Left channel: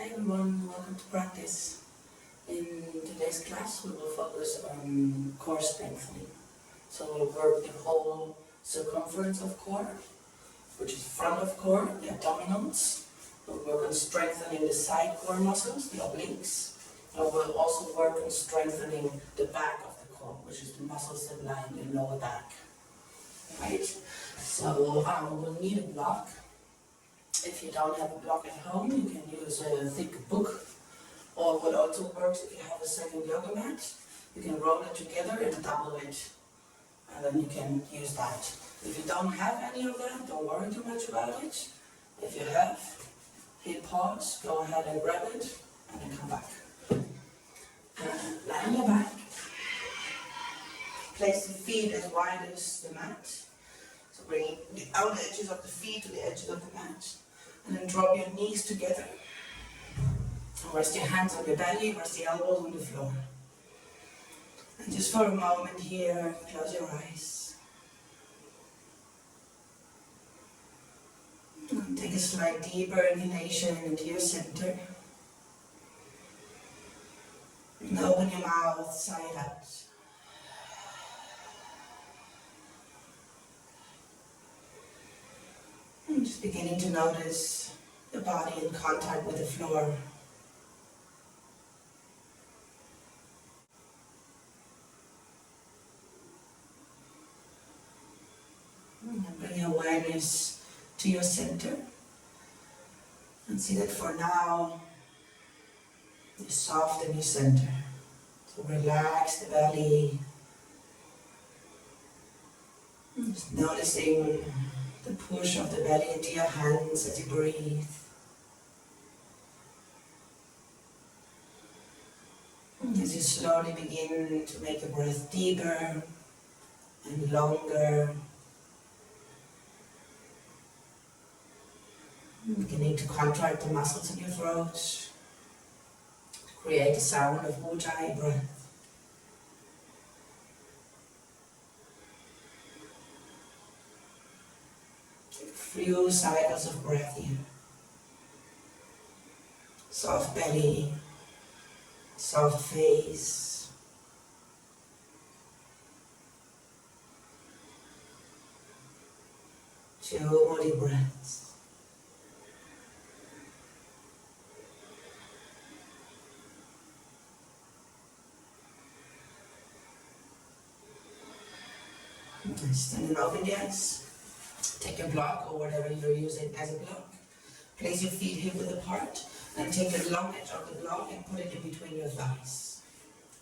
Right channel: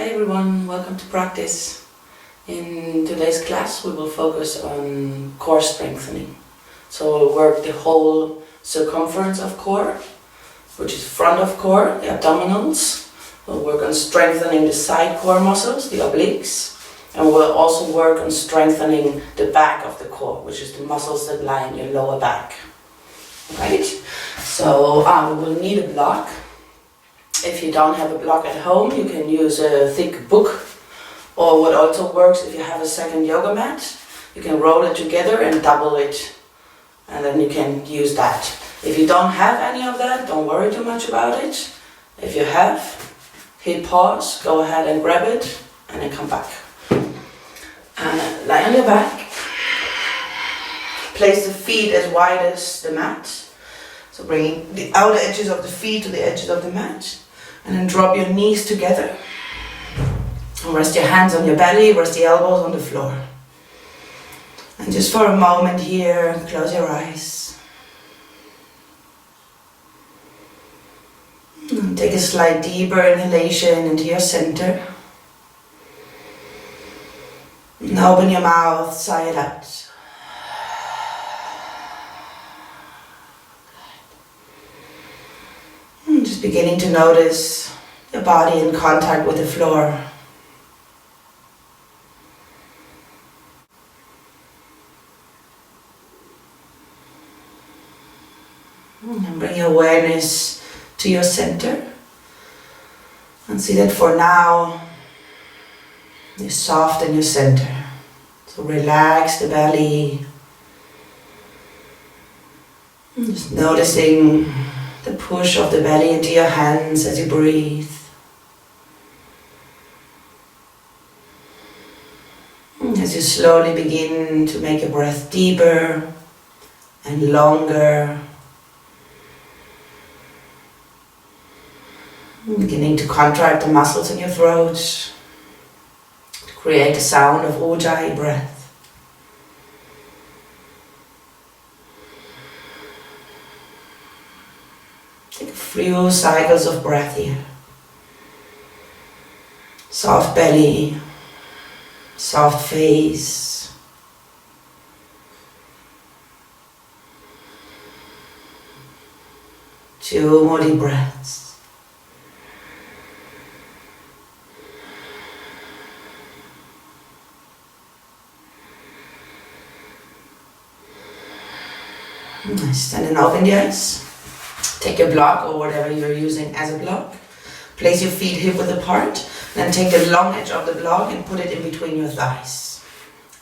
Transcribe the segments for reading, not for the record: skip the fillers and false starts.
Hey everyone, welcome to practice. In today's class we will focus on core strengthening. So we'll work the whole circumference of core, which is front of core, the abdominals. We'll work on strengthening the side core muscles, the obliques. And we'll also work on strengthening the back of the core, which is the muscles that lie in your lower back. Right? So we will need a block. If you don't have a block at home, you can use a thick book, or what also works, if you have a second yoga mat, you can roll it together and double it, and then you can use that. If you don't have any of that, don't worry too much about it. If you have, hit pause, go ahead and grab it, and then come back. Lie on your back. Place the feet as wide as the mat. So bringing the outer edges of the feet to the edges of the mat. And then drop your knees together. And rest your hands on your belly, rest the elbows on the floor. And just for a moment here, close your eyes. And take a slight deeper inhalation into your center. And open your mouth, sigh it out. Just beginning to notice your body in contact with the floor. And bring your awareness to your center. And see that for now, you're soft in your center. So relax the belly. And just noticing the push of the belly into your hands as you breathe. And as you slowly begin to make your breath deeper and longer. Beginning to contract the muscles in your throat to create the sound of Ujjayi breath. Take a few cycles of breath here. Soft belly, soft face. Two more deep breaths. Nice, and then open the eyes. Take your block or whatever you're using as a block. Place your feet hip width apart. Then take the long edge of the block and put it in between your thighs.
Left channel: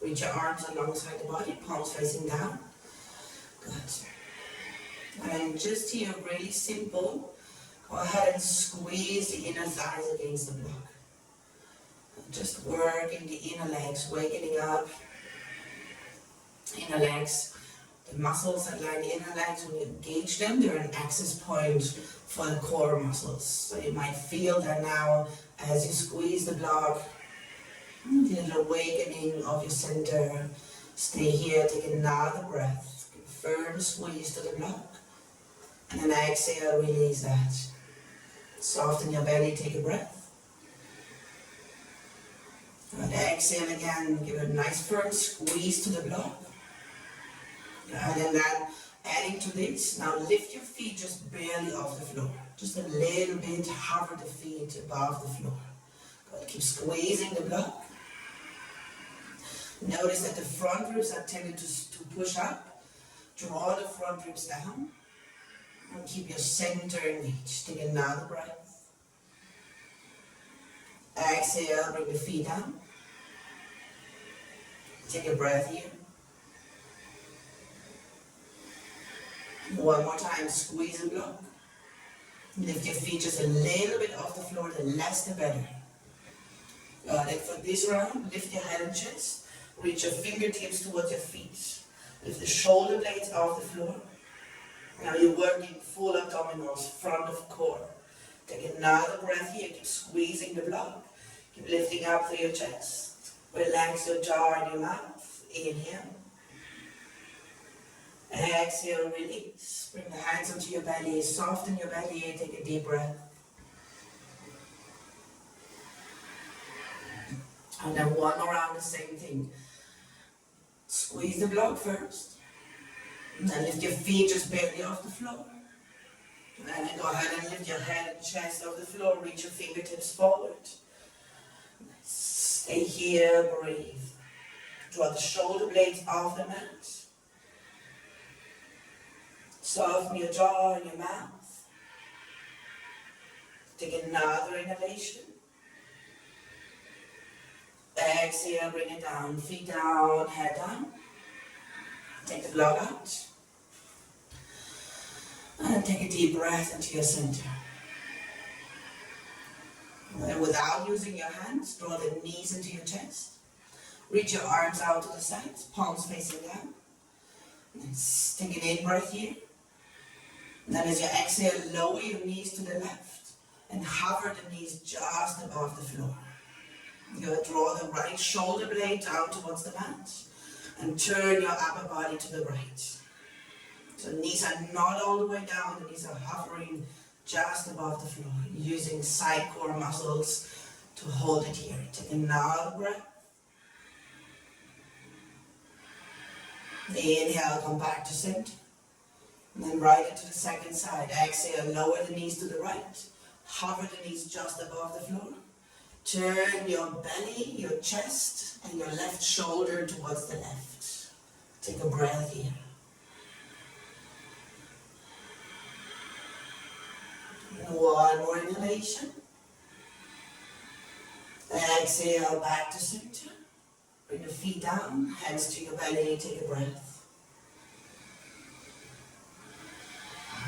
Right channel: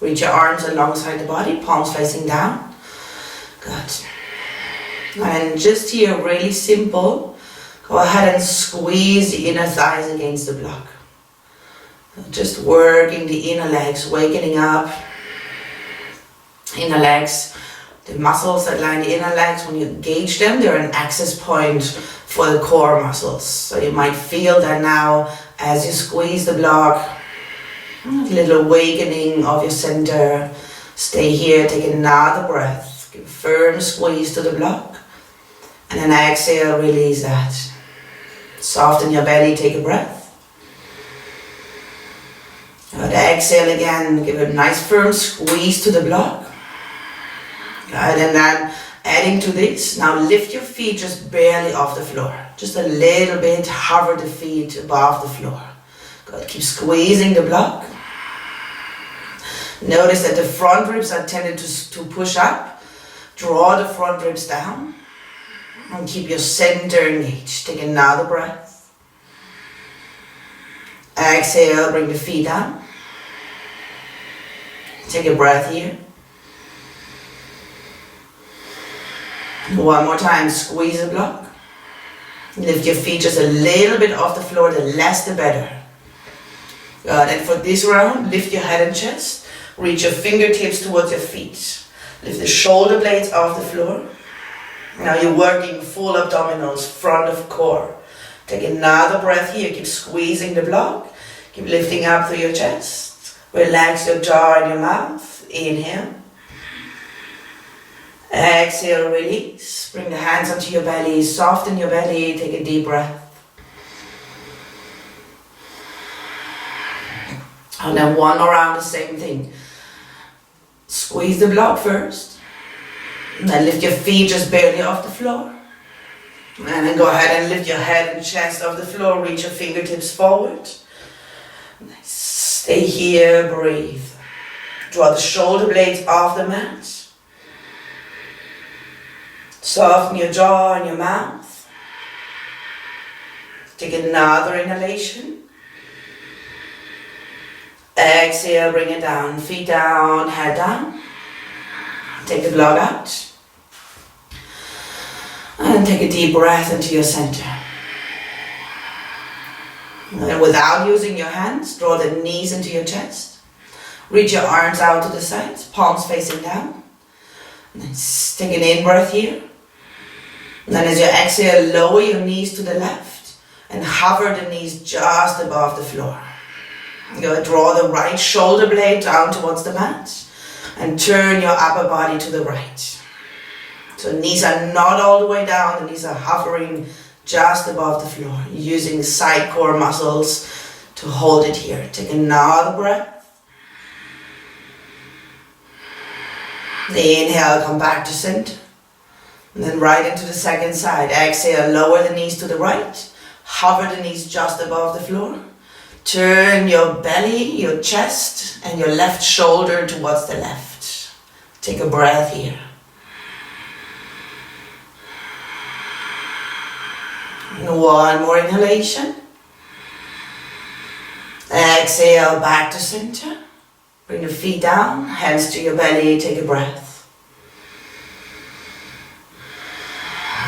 Reach your arms alongside the body, palms facing down. Good. And just here, really simple. Go ahead and squeeze the inner thighs against the block. Just working the inner legs, wakening up. Inner legs. The muscles that line the inner legs, when you engage them, they're an access point for the core muscles. So you might feel that now as you squeeze the block, a little awakening of your center. Stay here, take another breath. Give a firm squeeze to the block. And then exhale, release that. Soften your belly, take a breath. And exhale again, give a nice firm squeeze to the block. And then adding to this, now lift your feet just barely off the floor. Just a little bit, hover the feet above the floor. Good, keep squeezing the block. Notice that the front ribs are tended to push up. Draw the front ribs down. And keep your center engaged. Take another breath. Exhale, bring the feet down. Take a breath here. One more time, squeeze the block. Lift your feet just a little bit off the floor, the less the better. Good, and for this round, lift your head and chest. Reach your fingertips towards your feet. Lift the shoulder blades off the floor. Now you're working full abdominals, front of core. Take another breath here, keep squeezing the block. Keep lifting up through your chest. Relax your jaw and your mouth. Inhale. Exhale, release. Bring the hands onto your belly, soften your belly, take a deep breath. And then one more round, the same thing. Squeeze the block first. And then lift your feet just barely off the floor. And then go ahead and lift your head and chest off the floor. Reach your fingertips forward. Stay here, breathe. Draw the shoulder blades off the mat. Soften your jaw and your mouth. Take another inhalation. Exhale, bring it down. Feet down, head down. Take the block out. And take a deep breath into your center. And without using your hands, draw the knees into your chest. Reach your arms out to the sides, palms facing down. And then take an in-breath here. And then as you exhale, lower your knees to the left and hover the knees just above the floor. You're going to draw the right shoulder blade down towards the mat and turn your upper body to the right. So knees are not all the way down, the knees are hovering just above the floor, using side core muscles to hold it here. Take another breath. Inhale, come back to center. And then right into the second side. Exhale, lower the knees to the right. Hover the knees just above the floor. Turn your belly, your chest, and your left shoulder towards the left. Take a breath here. And one more inhalation. Exhale, back to center. Bring your feet down, hands to your belly, take a breath.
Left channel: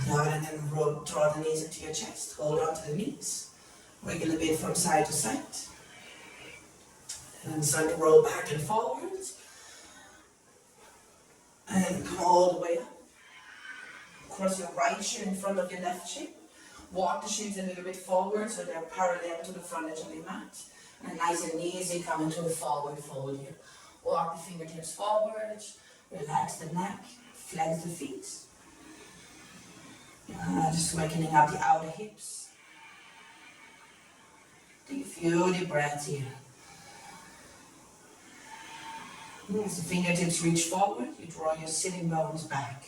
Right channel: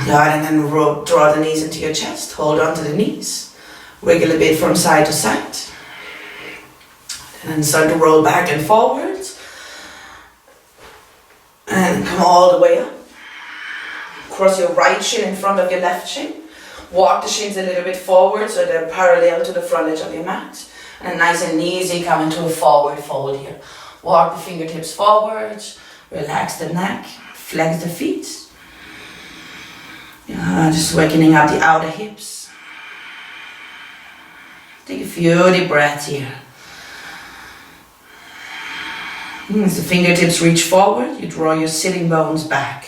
Good, and then draw the knees into your chest, hold on to the knees. Wiggle a bit from side to side. And then start to roll back and forwards. And come all the way up. Cross your right shin in front of your left shin. Walk the shins a little bit forward so they're parallel to the front edge of your mat. And nice and easy, come into a forward fold here. Walk the fingertips forward, relax the neck, flex the feet. Just wakening up the outer hips. Take a few deep breaths here. As the fingertips reach forward, you draw your sitting bones back.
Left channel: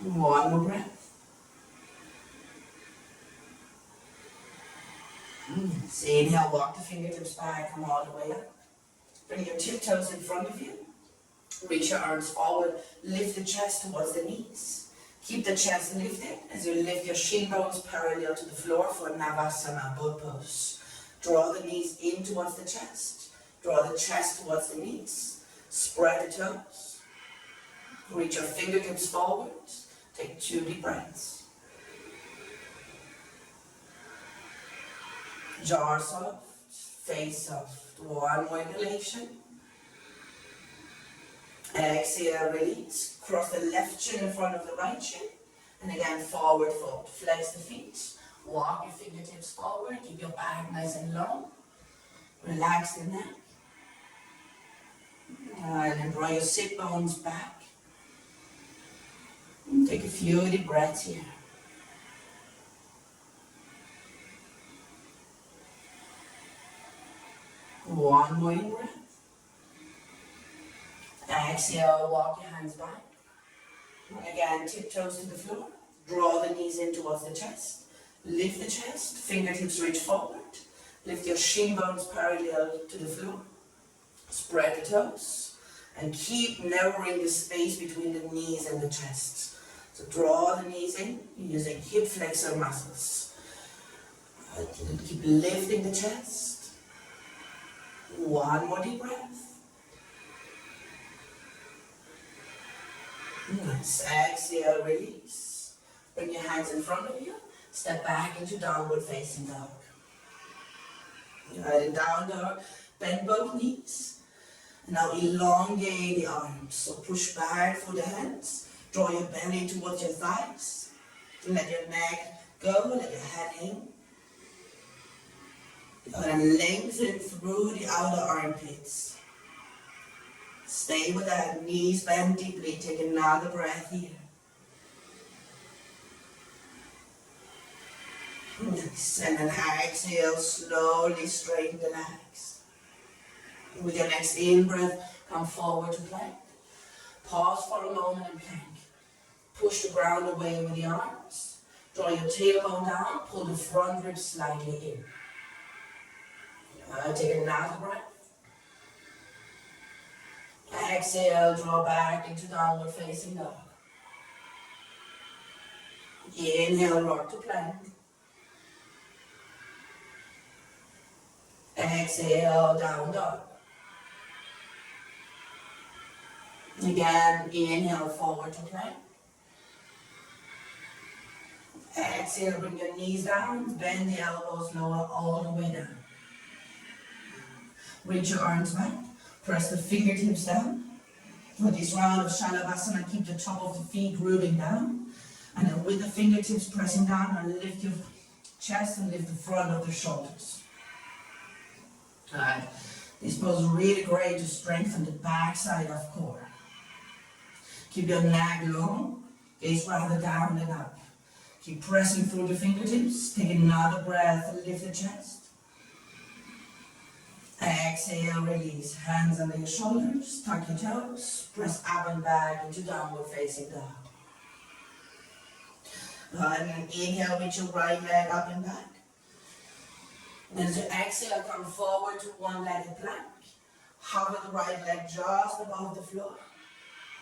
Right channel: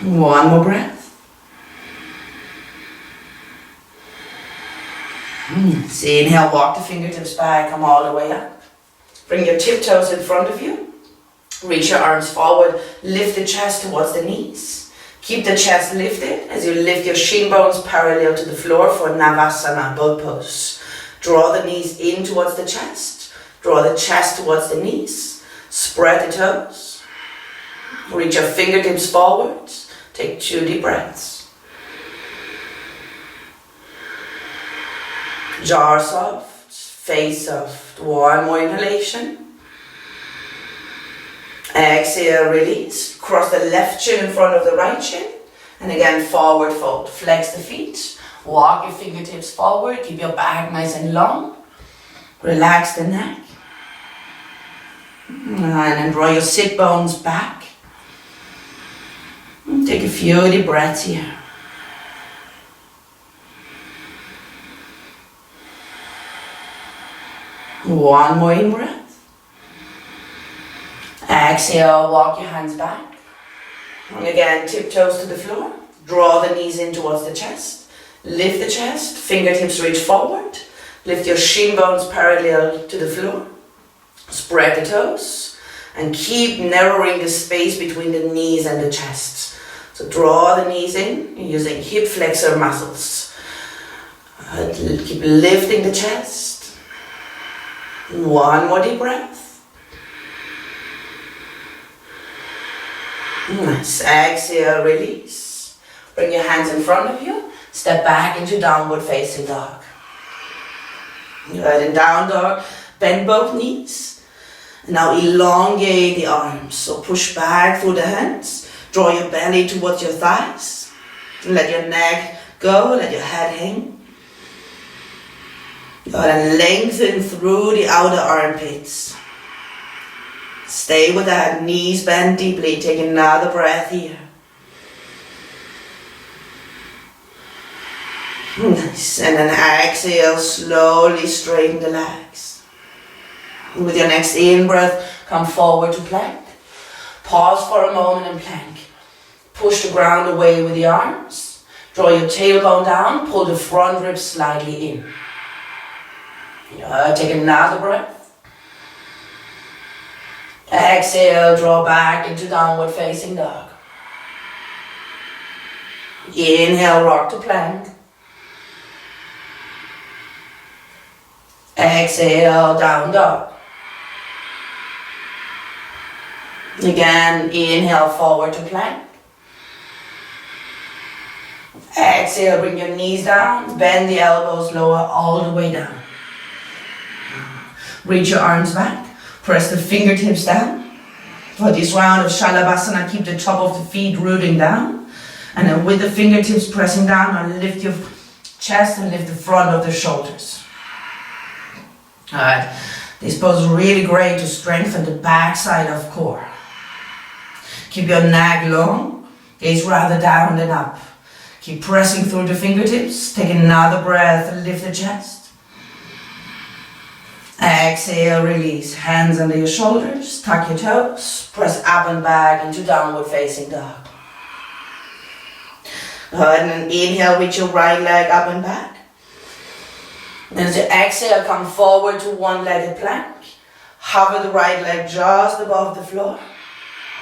One more breath. So inhale, walk the fingertips back, come all the way up. Bring your tiptoes in front of you. Reach your arms forward, lift the chest towards the knees. Keep the chest lifted as you lift your shin bones parallel to the floor for navasana, boat pose. Draw the knees in towards the chest. Draw the chest towards the knees. Spread the toes. Reach your fingertips forward. Take 2 deep breaths. Jaw soft, face soft. One more inhalation. Exhale, release. Cross the left shin in front of the right shin. And again, forward fold. Flex the feet. Walk your fingertips forward. Keep your back nice and long. Relax the neck. And then draw your sit bones back. Take a few deep breaths here. One more in breath. Exhale, walk your hands back. And again, tiptoes to the floor. Draw the knees in towards the chest. Lift the chest, fingertips reach forward. Lift your shin bones parallel to the floor. Spread the toes. And keep narrowing the space between the knees and the chest. So draw the knees in using hip flexor muscles. Keep lifting the chest. One more deep breath. Nice. Exhale, release. Bring your hands in front of you. Step back into downward facing dog. Good. In down dog, bend both knees. Now elongate the arms. So push back through the hands. Draw your belly towards your thighs. Let your neck go. Let your head hang. Good. And lengthen through the outer armpits. Stay with that, knees bend deeply. Take another breath here. Nice. And then exhale, slowly straighten the legs. With your next in-breath, come forward to plank. Pause for a moment in plank. Push the ground away with the arms. Draw your tailbone down, pull the front ribs slightly in. Take another breath. Exhale, draw back into downward facing dog. Inhale, rock to plank. Exhale, down dog. Again, inhale, forward to plank. Exhale, bring your knees down, bend the elbows lower all the way down. Reach your arms back, press the fingertips down. For this round of Shalabhasana, keep the top of the feet rooting down. And then with the fingertips pressing down, now lift your chest and lift the front of the shoulders. Alright, this pose is really great to strengthen the back side of core. Keep your neck long, gaze rather down than up. Keep pressing through the fingertips. Take another breath and lift the chest. Exhale, release. Hands under your shoulders, tuck your toes, press up and back into downward facing dog. Go ahead and inhale, reach your right leg up and back. And as you exhale, come forward to one-legged plank. Hover the right leg just above the floor.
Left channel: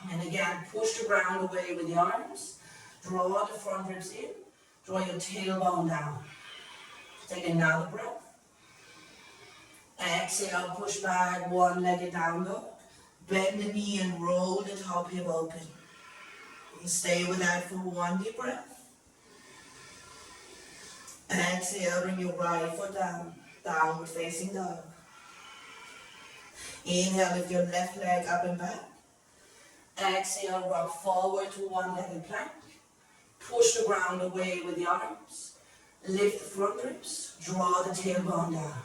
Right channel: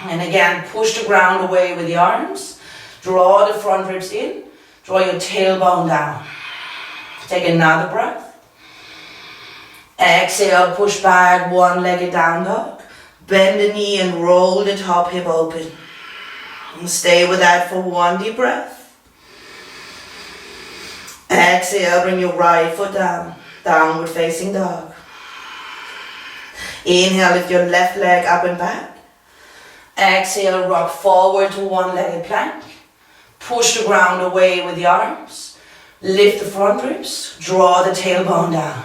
And again, push the ground away with the arms. Draw the front ribs in. Draw your tailbone down. Take another breath. Exhale, push back, one-legged down dog. Bend the knee and roll the top hip open. And stay with that for one deep breath. Exhale, bring your right foot down, downward facing dog. Inhale, lift your left leg up and back. Exhale, rock forward to one-legged plank. Push the ground away with the arms. Lift the front ribs, draw the tailbone down.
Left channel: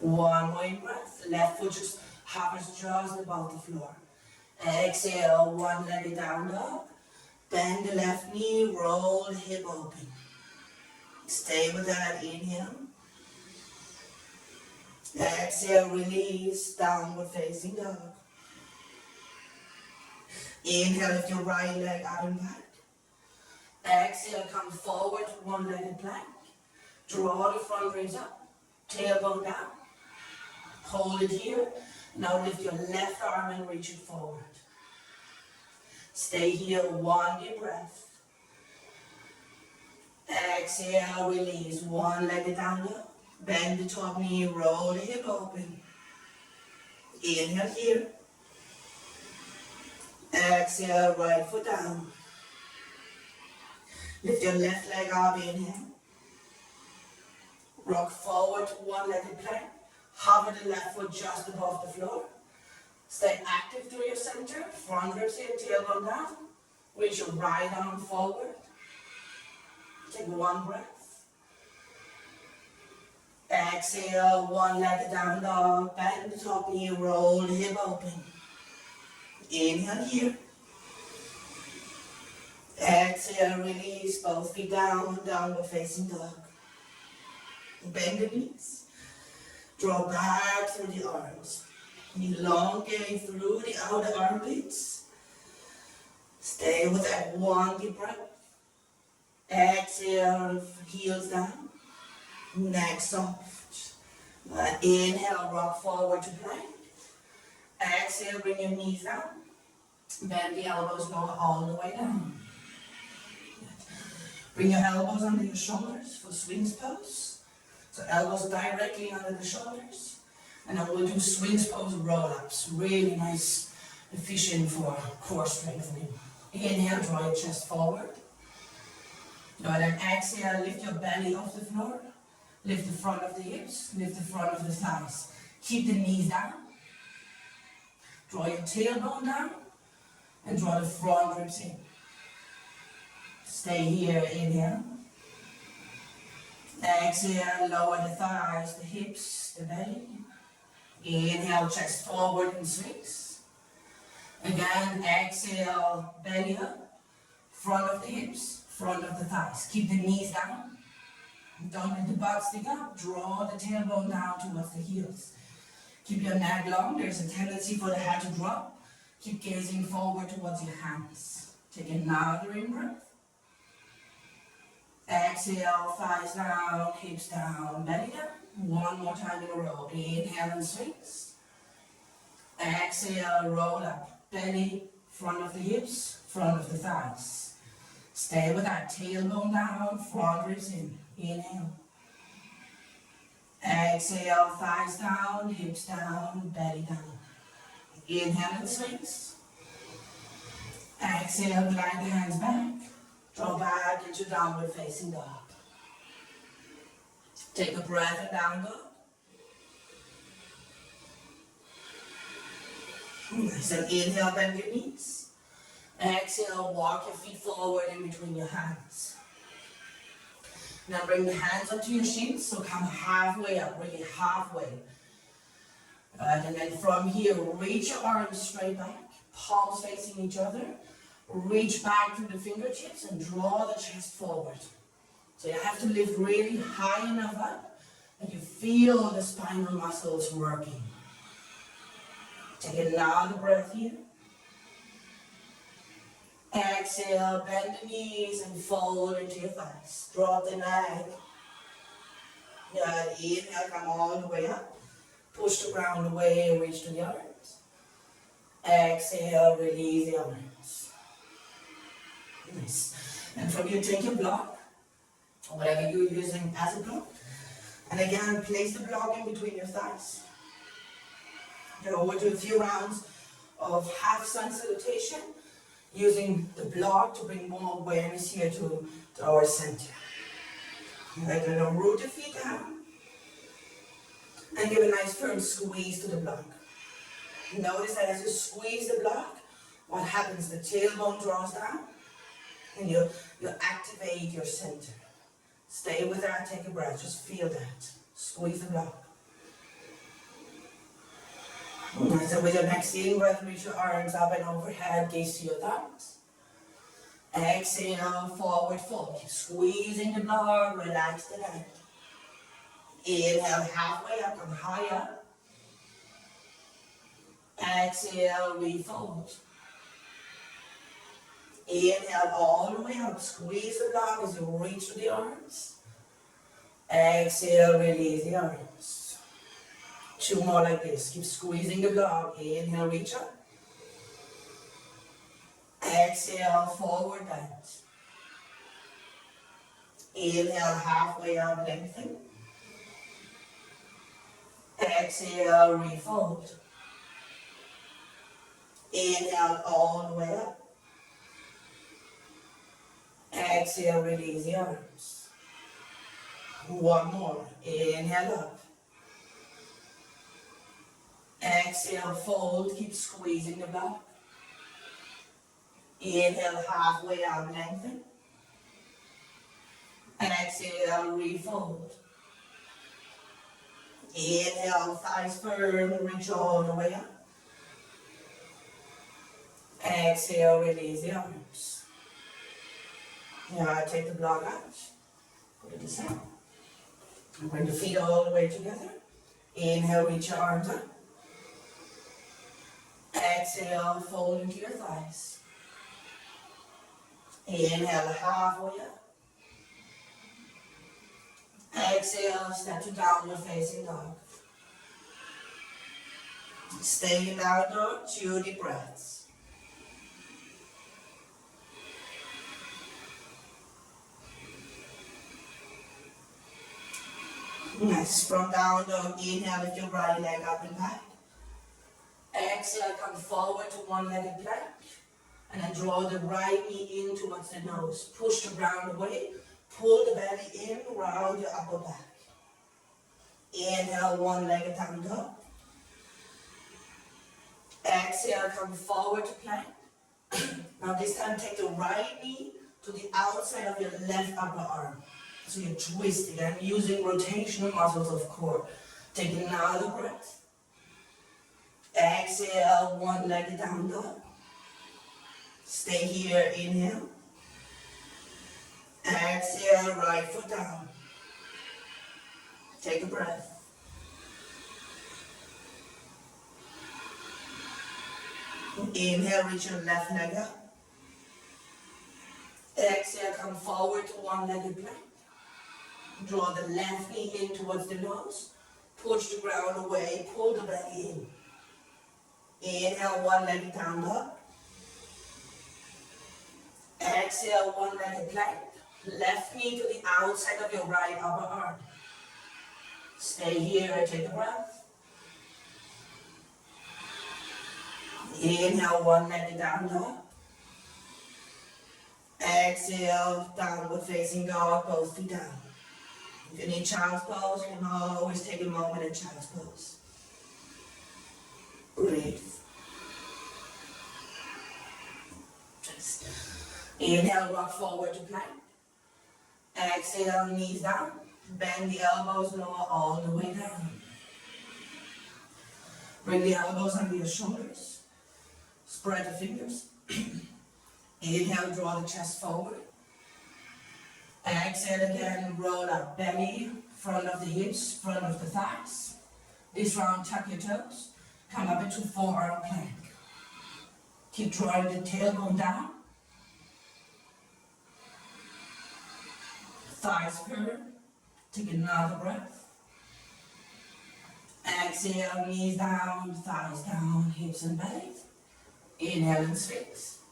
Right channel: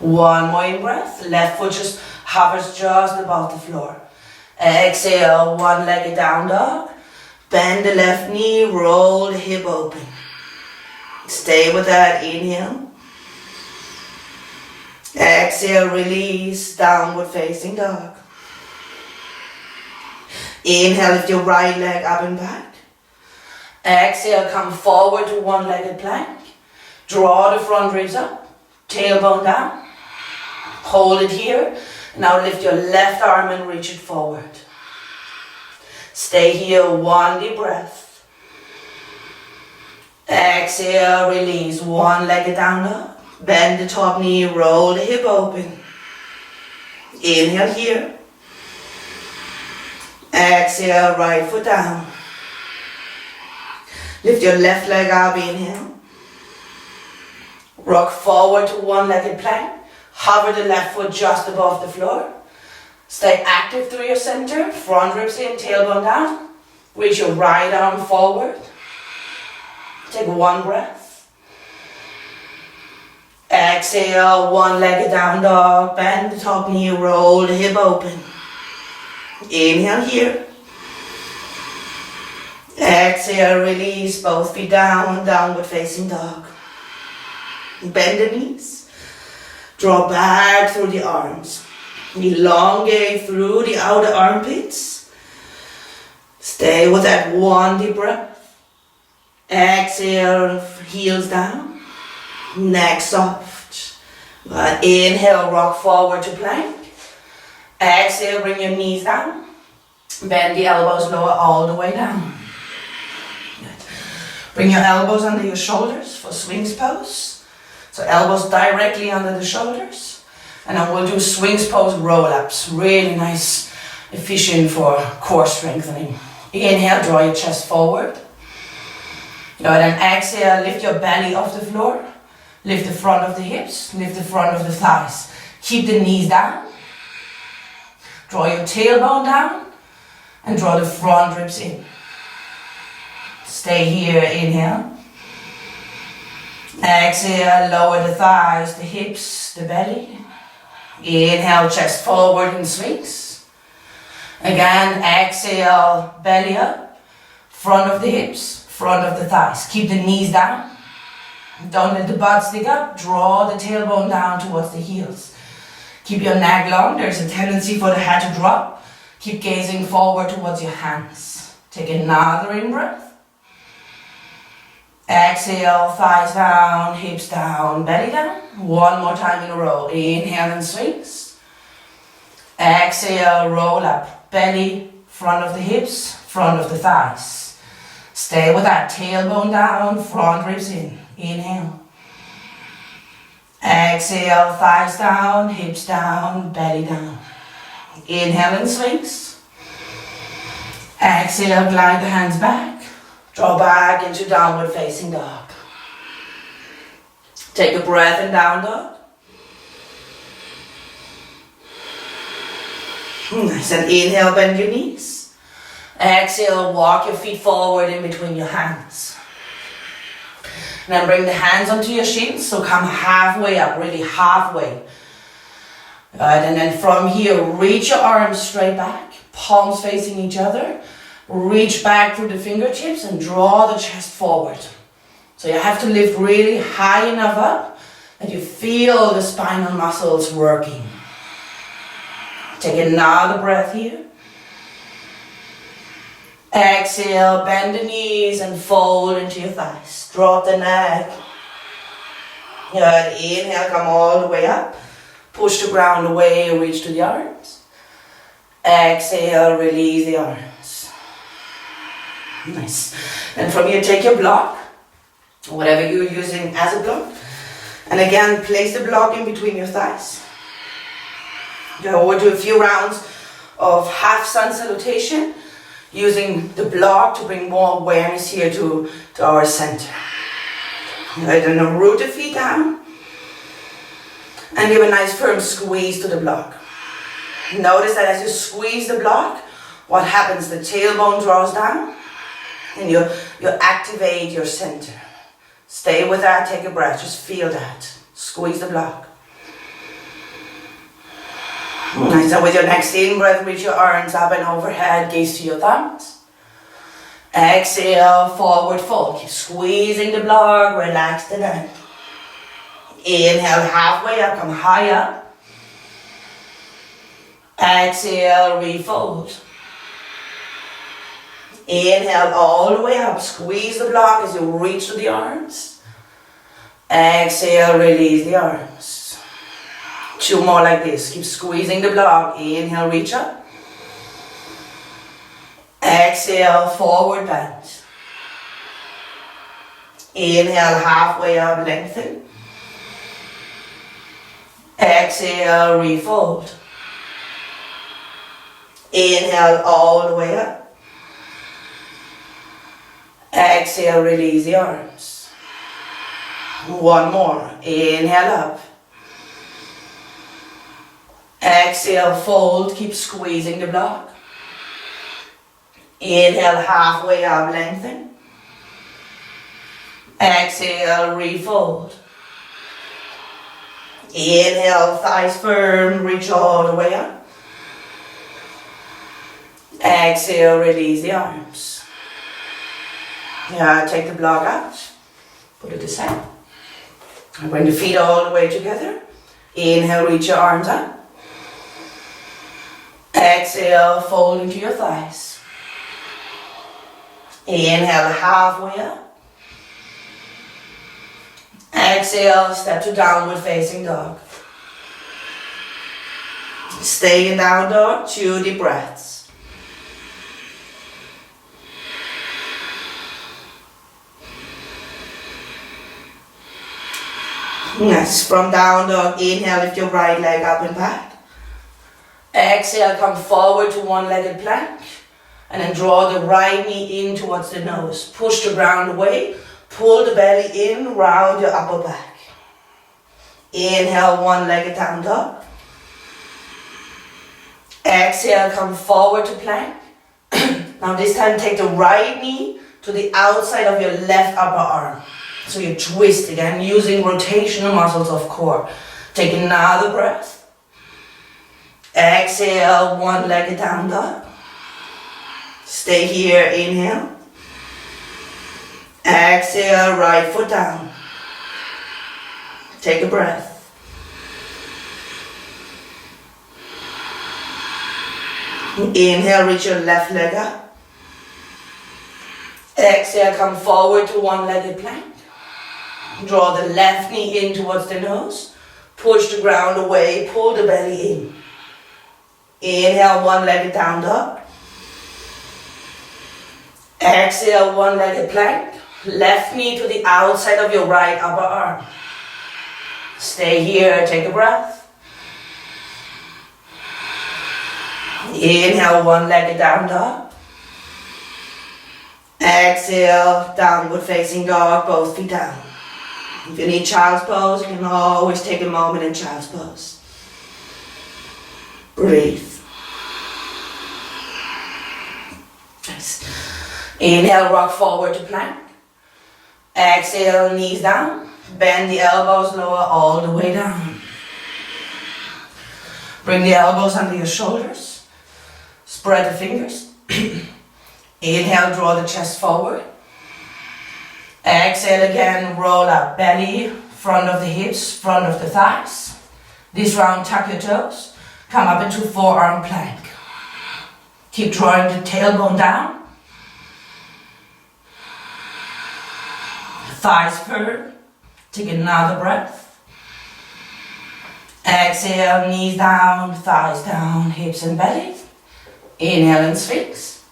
One more in breath, left foot just hovers just above the floor. Exhale, one-legged down dog. Bend the left knee, roll the hip open. Stay with that, inhale. Exhale, release, downward facing dog. Inhale, lift your right leg up and back. Exhale, come forward to one-legged plank. Draw the front ribs up, tailbone down. Hold it here. Now lift your left arm and reach it forward. Stay here, one deep breath. Exhale, release, one-legged down dog. Bend the top knee, roll the hip open. Inhale here. Exhale, right foot down. Lift your left leg up, inhale. Rock forward to one-legged plank. Hover the left foot just above the floor. Stay active through your center. Front ribs in, tailbone down. Reach your right arm forward. Take one breath. Exhale, one-legged down dog. Bend the top knee, roll the hip open. Inhale here. Exhale, release, both feet down, downward facing dog. Bend the knees. Draw back through the arms. Elongate through the outer armpits. Stay with that one deep breath. Exhale, heels down. Neck soft. Inhale, rock forward to plank. Exhale, bring your knees down. Bend the elbows lower all the way down. Good. Bring your elbows under your shoulders for Sphinx pose. So elbows directly under the shoulders. And then we'll do Sphinx pose roll-ups. Really nice, efficient for core strengthening. Inhale, draw your chest forward. Good, and exhale, lift your belly off the floor. Lift the front of the hips, lift the front of the thighs. Keep the knees down. Draw your tailbone down and draw the front ribs in. Stay here, inhale. Exhale, lower the thighs, the hips, the belly. Inhale, chest forward in Sphinx. Again, exhale, belly up, front of the hips, front of the thighs. Keep the knees down. Don't let the butt stick up. Draw the tailbone down towards the heels. Keep your neck long. There's a tendency for the head to drop. Keep gazing forward towards your hands. Take another in-breath. Exhale, thighs down, hips down, belly down. One more time in a row. Inhale and swings. Exhale, roll up. Belly, front of the hips, front of the thighs. Stay with that. Tailbone down, front ribs in. Inhale. Exhale, thighs down, hips down, belly down. Inhale and swings. Exhale, glide the hands back. Draw back into downward facing dog. Take a breath in down dog. Nice, and inhale, bend your knees. Exhale, walk your feet forward in between your hands. Now bring the hands onto your shins, so come halfway up, really halfway. Right, and then from here, reach your arms straight back, palms facing each other. Reach back through the fingertips and draw the chest forward. So you have to lift really high enough up that you feel the spinal muscles working. Take another breath here. Exhale, bend the knees and fold into your thighs. Drop the neck. Good. Inhale, come all the way up. Push the ground away, reach to the arms. Exhale, release the arms. Nice. And from here, take your block, whatever you're using as a block. And again, place the block in between your thighs. We'll do a few rounds of half sun salutation, using the block to bring more awareness here to our center. Right, and now root the feet down. And give a nice firm squeeze to the block. Notice that as you squeeze the block, what happens? The tailbone draws down. And you activate your center. Stay with that, take a breath, just feel that. Squeeze the block. Nice, and with your next in-breath, reach your arms up and overhead, gaze to your thumbs. Exhale, forward fold. Keep squeezing the block, relax the neck. Inhale, halfway up, come high up. Exhale, refold. Inhale all the way up, squeeze the block as you reach to the arms. Exhale, release the arms. Two more like this, keep squeezing the block. Inhale, reach up. Exhale, forward bend. Inhale, halfway up, lengthen. Exhale, refold. Inhale all the way up. Exhale, release the arms. One more. Inhale up. Exhale, fold. Keep squeezing the block. Inhale, halfway up, lengthen. Exhale, refold. Inhale, thighs firm, reach all the way up. Exhale, release the arms. Take the block out, put it aside. And bring the feet all the way together. Inhale, reach your arms up. Exhale, fold into your thighs. Inhale, halfway up. Exhale, step to downward facing dog. Stay in down dog, 2 deep breaths. Yes, from down dog, inhale, lift your right leg up and back. Exhale, come forward to one-legged plank. And then draw the right knee in towards the nose. Push the ground away. Pull the belly in, round your upper back. Inhale, one-legged down dog. Exhale, come forward to plank. Now this time take the right knee to the outside of your left upper arm. So you twist again, using rotational muscles of core. Take another breath. Exhale, one-legged down dog. Stay here, inhale. Exhale, right foot down. Take a breath. Inhale, reach your left leg up. Exhale, come forward to one-legged plank. Draw the left knee in towards the nose. Push the ground away, pull the belly in. Inhale, one-legged down dog. Exhale, one-legged plank. Left knee to the outside of your right upper arm. Stay here, take a breath. Inhale, one-legged down dog. Exhale, downward facing dog, both feet down. If you need child's pose, you can always take a moment in child's pose. Breathe. Nice. Inhale, rock forward to plank. Exhale, knees down. Bend the elbows lower all the way down. Bring the elbows under your shoulders. Spread the fingers. Inhale, draw the chest forward. Exhale again, roll up. Belly, front of the hips, front of the thighs. This round, tuck your toes. Come up into forearm plank. Keep drawing the tailbone down. Thighs firm. Take another breath. Exhale, knees down, thighs down, hips and belly. Inhale and sphinx.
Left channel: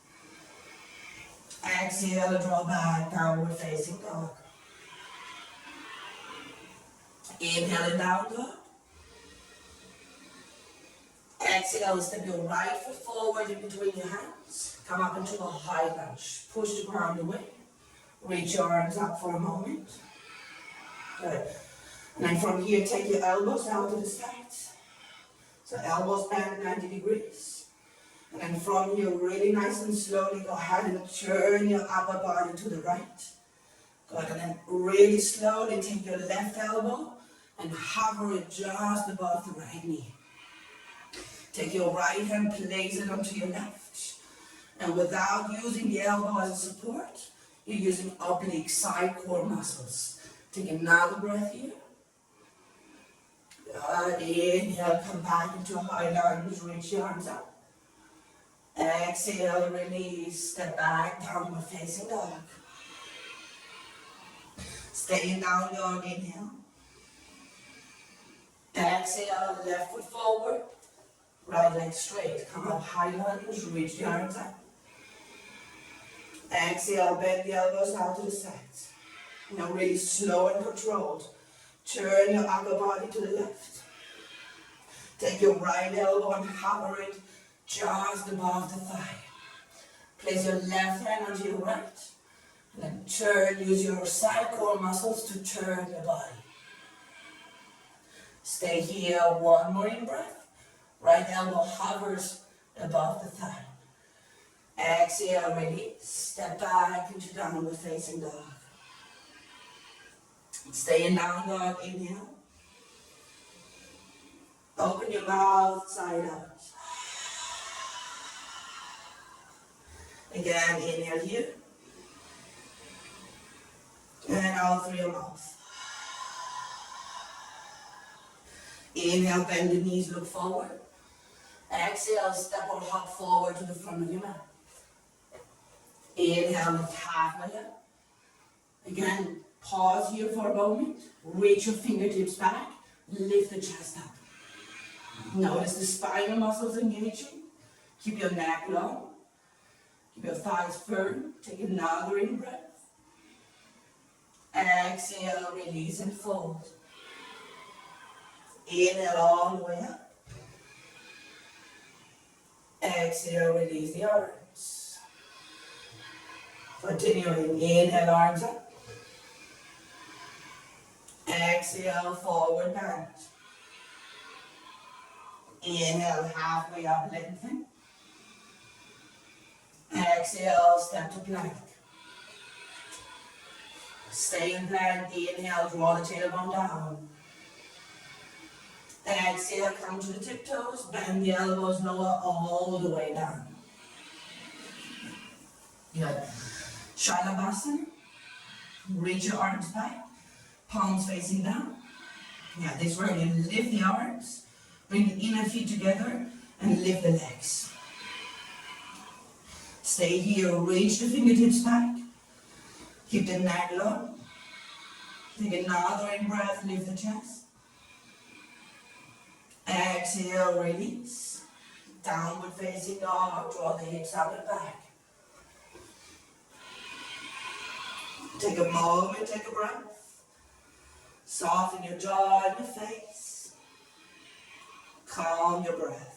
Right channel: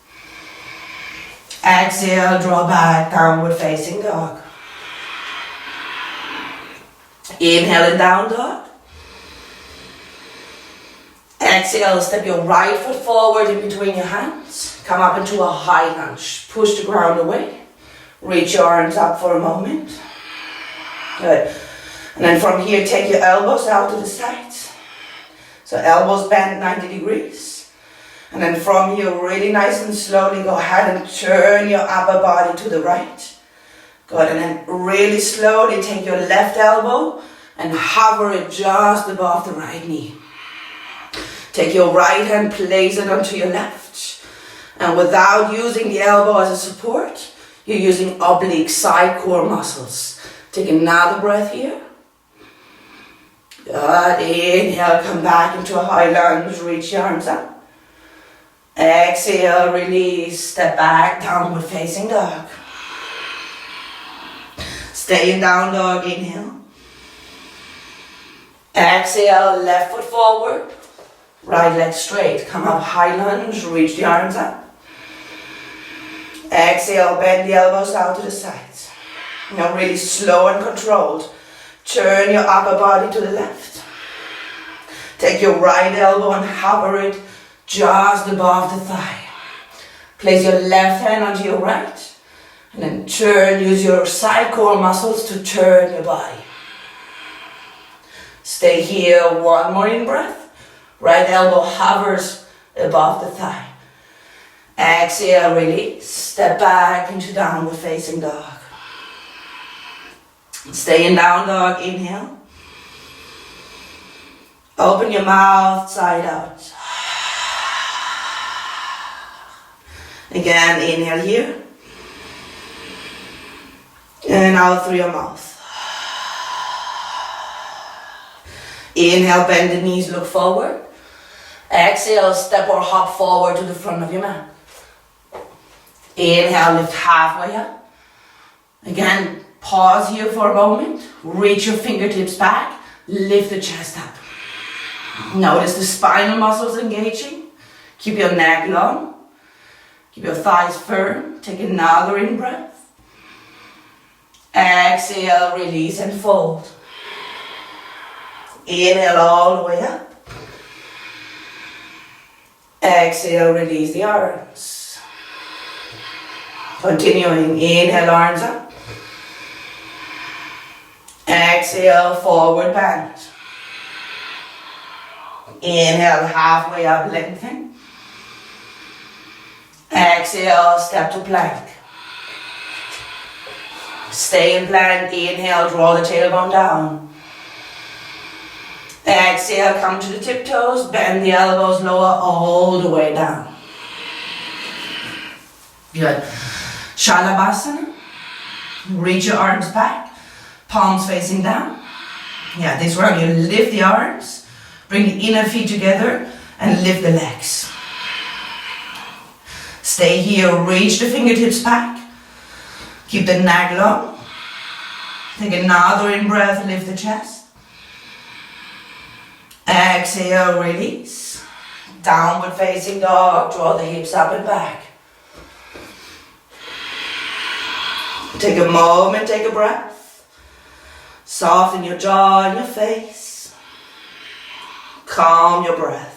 Exhale, draw back, downward facing dog. Inhale and down dog. Exhale, step your right foot forward in between your hands. Come up into a high lunge. Push the ground away. Reach your arms up for a moment. Good. And then from here, take your elbows out to the sides. So elbows bend 90 degrees. And then from here, really nice and slowly, go ahead and turn your upper body to the right. Good. And then really slowly take your left elbow and hover it just above the right knee. Take your right hand, place it onto your left. And without using the elbow as a support, you're using oblique side core muscles. Take another breath here. Good. Inhale, come back into a high lunge, reach your arms up. Exhale, release, step back, downward facing dog. Stay in down dog, inhale. Exhale, left foot forward, right leg straight. Come up, high lunge, reach the arms up. Exhale, bend the elbows out to the sides. Now really slow and controlled. Turn your upper body to the left. Take your right elbow and hover it just above the thigh. Place your left hand onto your right. And then turn, use your side core muscles to turn your body. Stay here, one more in breath. Right elbow hovers above the thigh. Exhale, release. Step back into downward facing dog. Stay in down dog, inhale. Open your mouth, side out. Again, inhale here. And out through your mouth. Inhale, bend the knees, look forward. Exhale, step or hop forward to the front of your mat. Inhale, lift halfway up. Again, pause here for a moment. Reach your fingertips back. Lift the chest up. Notice the spinal muscles engaging. Keep your neck long. Keep your thighs firm. Take another in breath. Exhale, release and fold. Inhale all the way up. Exhale, release the arms. Continuing, inhale, arms up. Exhale, forward bend. Inhale, halfway up, lengthen. Exhale, step to plank. Stay in plank, inhale, draw the tailbone down. Exhale, come to the tiptoes, bend the elbows lower all the way down. Good. Shalabhasana. Reach your arms back, palms facing down. Yeah, this round you lift the arms, bring the inner feet together and lift the legs. Stay here, reach the fingertips back. Keep the neck long. Take another in breath, lift the chest. Exhale, release. Downward facing dog, draw the hips up and back. Take a moment, take a breath. Soften your jaw and your face. Calm your breath.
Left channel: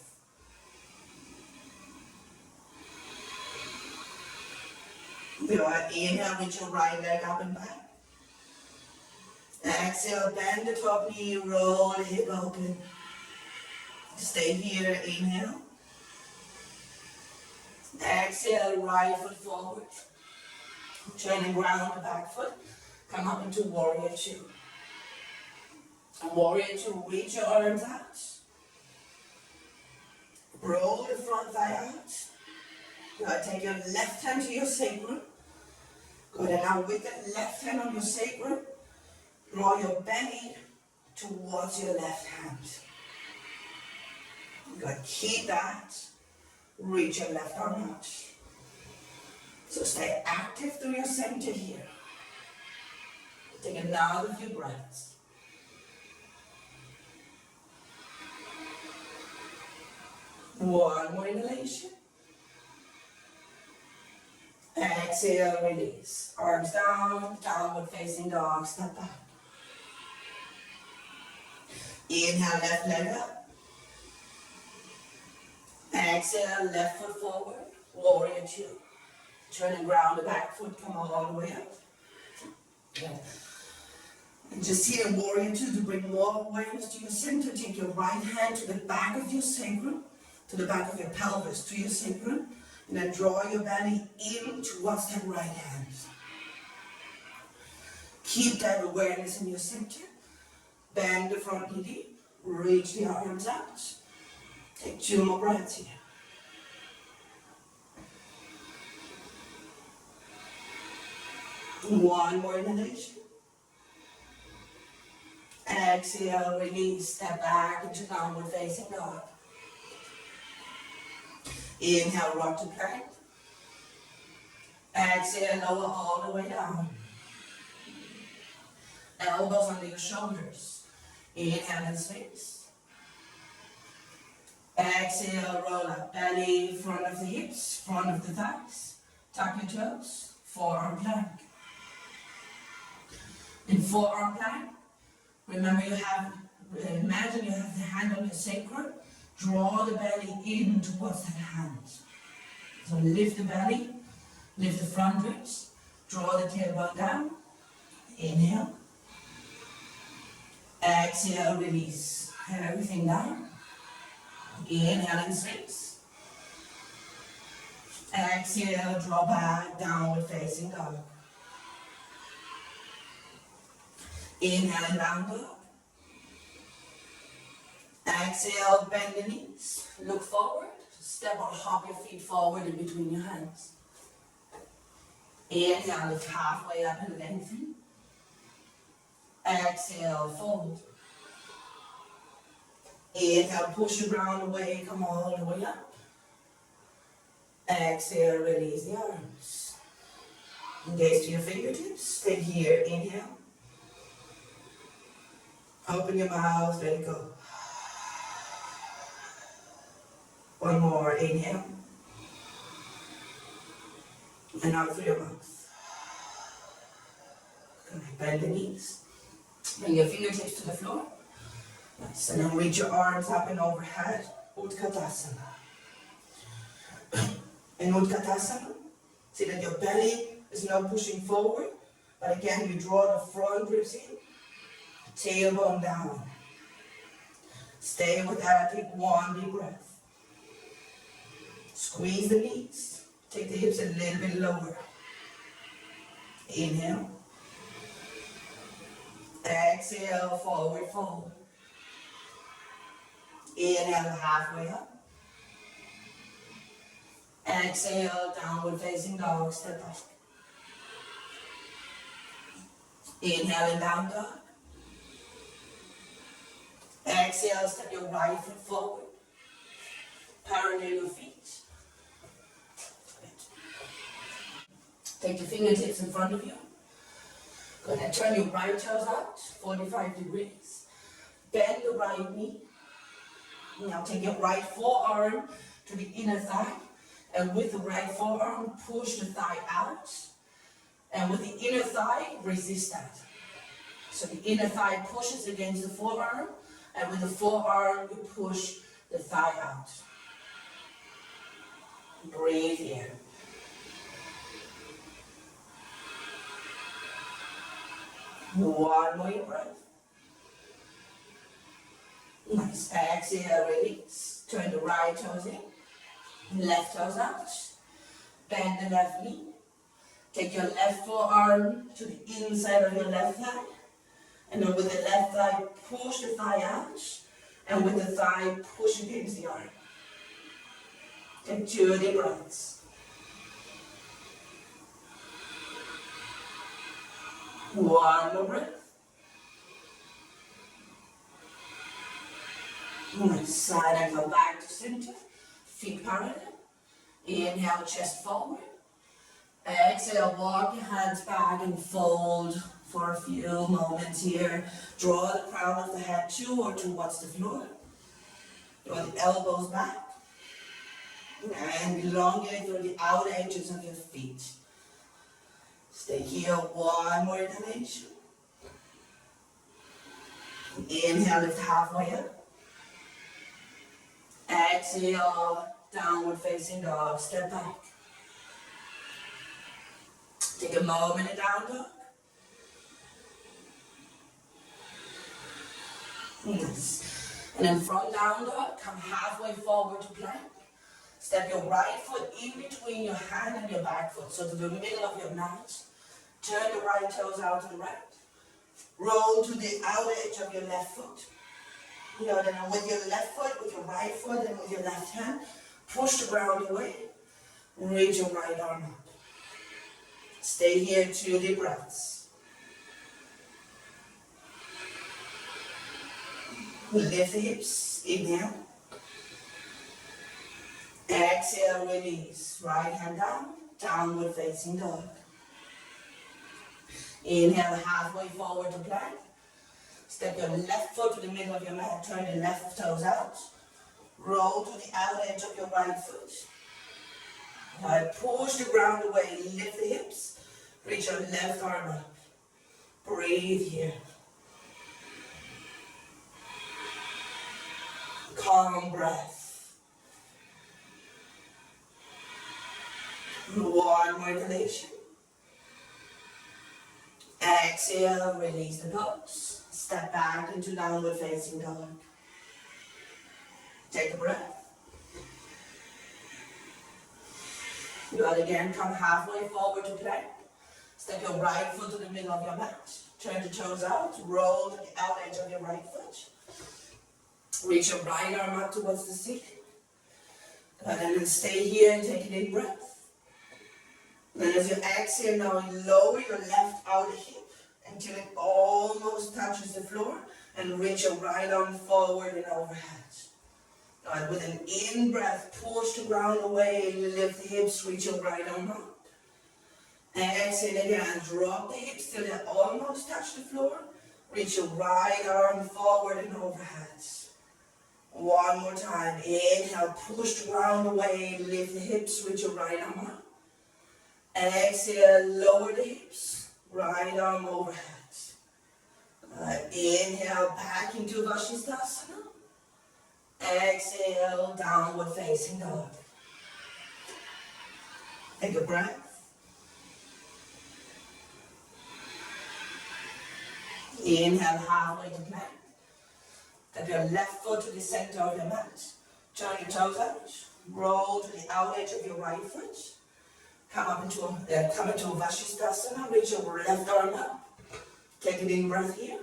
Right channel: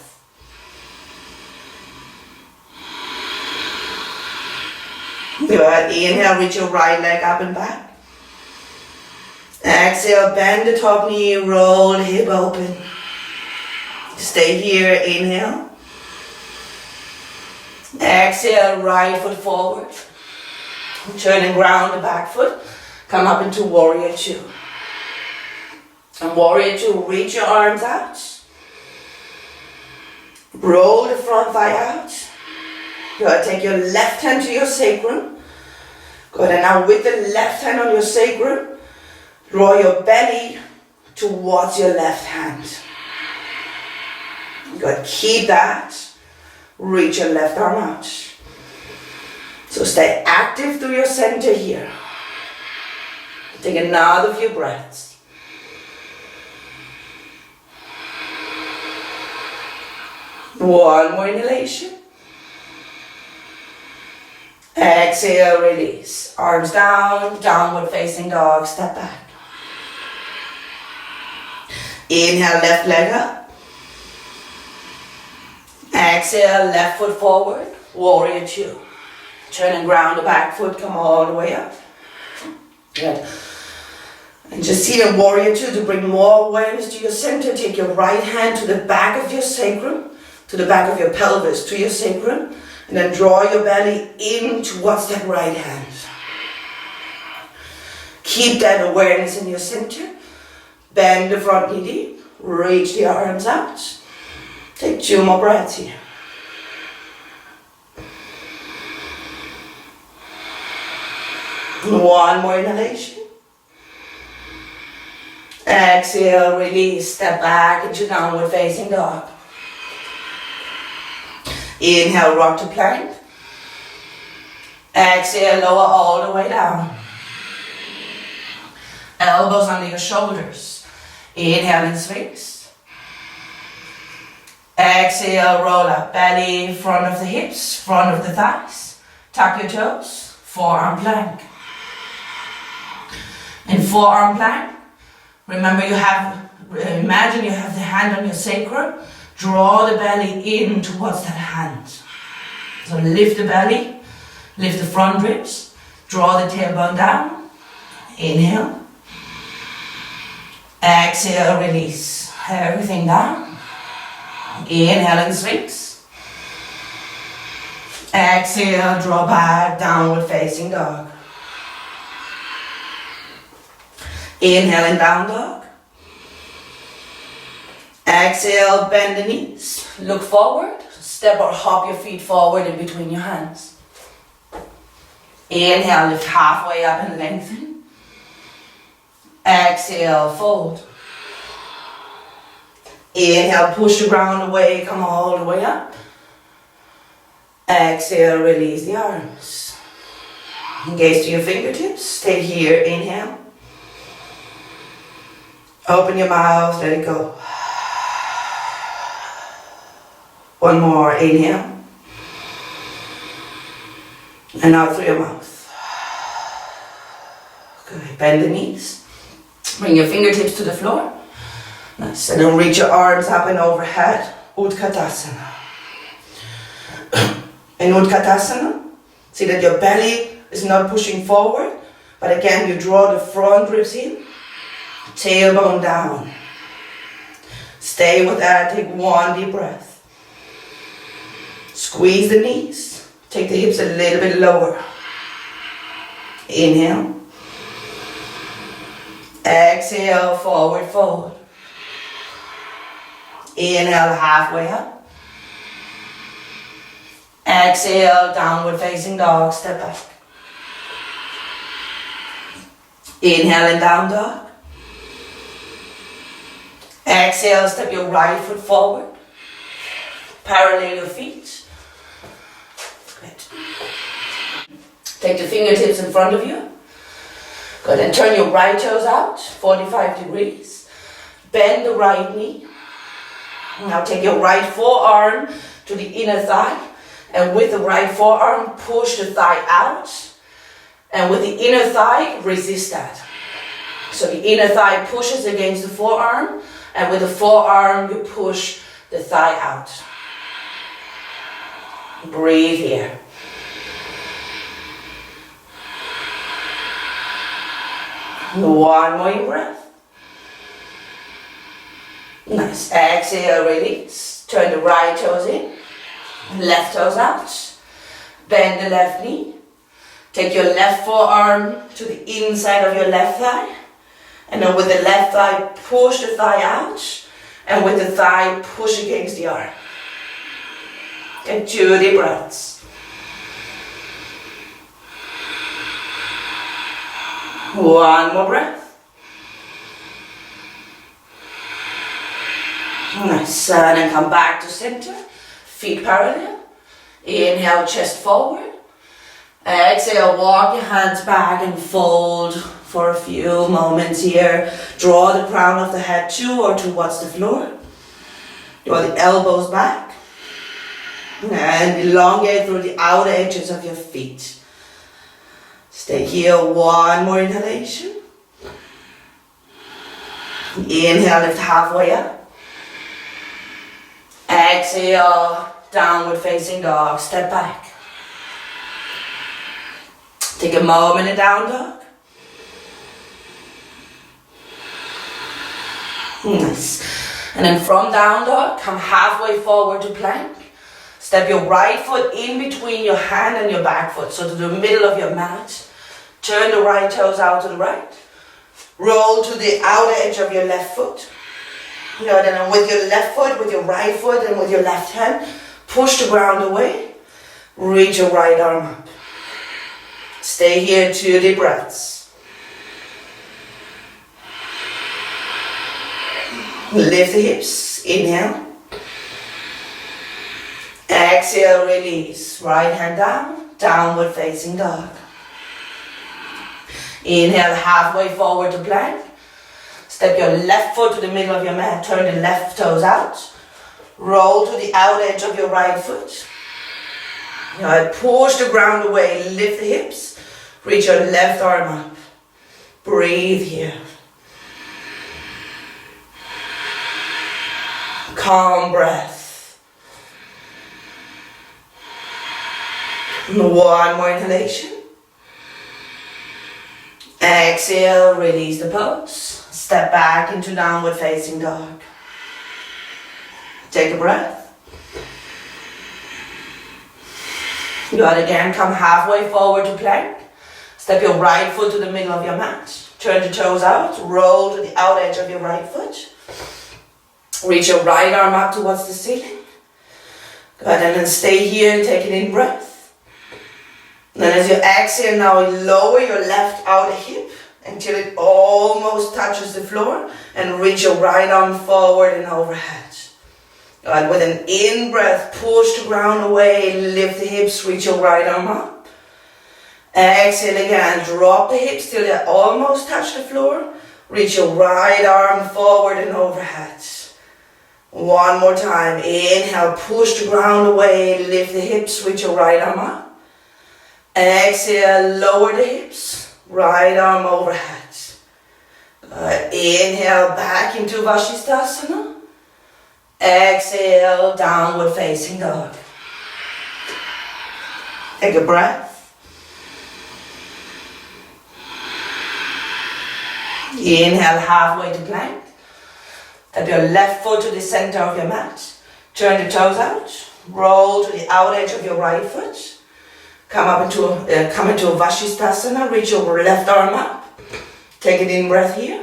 Good. Inhale, reach your right leg up and back. Exhale, bend the top knee, roll the hip open. Stay here, inhale. Exhale, right foot forward. Turn and ground the back foot. Come up into warrior two. And warrior two, reach your arms out. Roll the front thigh out. Good, take your left hand to your sacrum. Good, and now with the left hand on your sacrum, draw your belly towards your left hand. Good, keep that. Reach your left arm out. So stay active through your center here. Take another few breaths. One more inhalation. Exhale, release. Arms down, downward facing dog, step back. Inhale, left leg up. Exhale, left foot forward, warrior two. Turn and ground the back foot, come all the way up. Good. And just see the warrior two to bring more awareness to your center. Take your right hand to the back of your sacrum, to the back of your pelvis, to your sacrum. And then draw your belly in towards that right hand. Keep that awareness in your center. Bend the front knee deep. Reach the arms out. Take 2 more breaths here. One more inhalation. Exhale, release. Step back into downward facing dog. Inhale, rock to plank. Exhale, lower all the way down. Elbows under your shoulders. Inhale in sphinx. Exhale, roll up. Belly, front of the hips, front of the thighs. Tuck your toes. Forearm plank. In forearm plank, remember imagine you have the hand on your sacrum. Draw the belly in towards that hand. So lift the belly, lift the front ribs, draw the tailbone down. Inhale. Exhale, release everything down. Inhale in sphinx. Exhale, draw back, downward facing dog. Inhale in down dog. Exhale, bend the knees, look forward, step or hop your feet forward in between your hands. Inhale, lift halfway up and lengthen. Exhale, fold. Inhale, push the ground away, come all the way up. Exhale, release the arms. Gaze to your fingertips, stay here, inhale. Open your mouth, let it go. One more, inhale. And out through your mouth. Good, bend the knees. Bring your fingertips to the floor. Nice, and then reach your arms up and overhead. Utkatasana. In Utkatasana, see that your belly is not pushing forward, but again you draw the front ribs in, tailbone down. Stay with that, take 1 deep breath. Squeeze the knees, take the hips a little bit lower. Inhale. Exhale, forward fold. Inhale, halfway up. Exhale, downward facing dog, step back. Inhale and down dog. Exhale, step your right foot forward. Parallel your feet. Good. Take the fingertips in front of you. Good, and turn your right toes out, 45 degrees. Bend the right knee. Now take your right forearm to the inner thigh. And with the right forearm, push the thigh out. And with the inner thigh, resist that. So the inner thigh pushes against the forearm. And with the forearm, you push the thigh out. Breathe here. One more breath. Nice. Exhale, release. Turn the right toes in. Left toes out. Bend the left knee. Take your left forearm to the inside of your left thigh. And then with the left thigh, push the thigh out. And with the thigh, push against the arm. And 2 deep breaths. One more breath. Nice. And then come back to center. Feet parallel. Inhale, chest forward. Exhale, walk your hands back and fold for a few moments here. Draw the crown of the head to or towards the floor. Draw the elbows back. And elongate through the outer edges of your feet. Stay here, one more inhalation. Inhale, lift halfway up. Exhale, downward facing dog, step back. Take a moment in down dog. Nice. And then from down dog, come halfway forward to plank. Step your right foot in between your hand and your back foot, so to the middle of your mat. Turn the right toes out to the right. Roll to the outer edge of your left foot. Then with your left foot, with your right foot, and with your left hand, push the ground away. Reach your right arm up. Stay here, 2 deep breaths. Lift the hips. Inhale. Exhale, release. Right hand down. Downward facing dog. Inhale, halfway forward to plank. Step your left foot to the middle of your mat. Turn the left toes out. Roll to the outer edge of your right foot. Now push the ground away. Lift the hips. Reach your left arm up. Breathe here. Calm breath. One more inhalation. Exhale, release the pose. Step back into downward facing dog. Take a breath. Good, again, come halfway forward to plank. Step your right foot to the middle of your mat. Turn the toes out, roll to the outer edge of your right foot. Reach your right arm up towards the ceiling. Good, and then stay here and take an in breath. And then as you exhale now, lower your left outer hip until it almost touches the floor, and reach your right arm forward and overhead. Good, with an in breath, push the ground away, lift the hips, reach your right arm up. Exhale again, drop the hips till they almost touch the floor. Reach your right arm forward and overhead. One more time. Inhale, push the ground away, lift the hips, reach your right arm up. Exhale, lower the hips, right arm overhead. Inhale, back into vasisthasana. Exhale, downward facing dog. Take a breath. Inhale, halfway to plank. Step your left foot to the center of your mat. Turn the toes out. Roll to the outer edge of your right foot. Come into a vasisthasana. Reach your left arm up. Take an in breath here.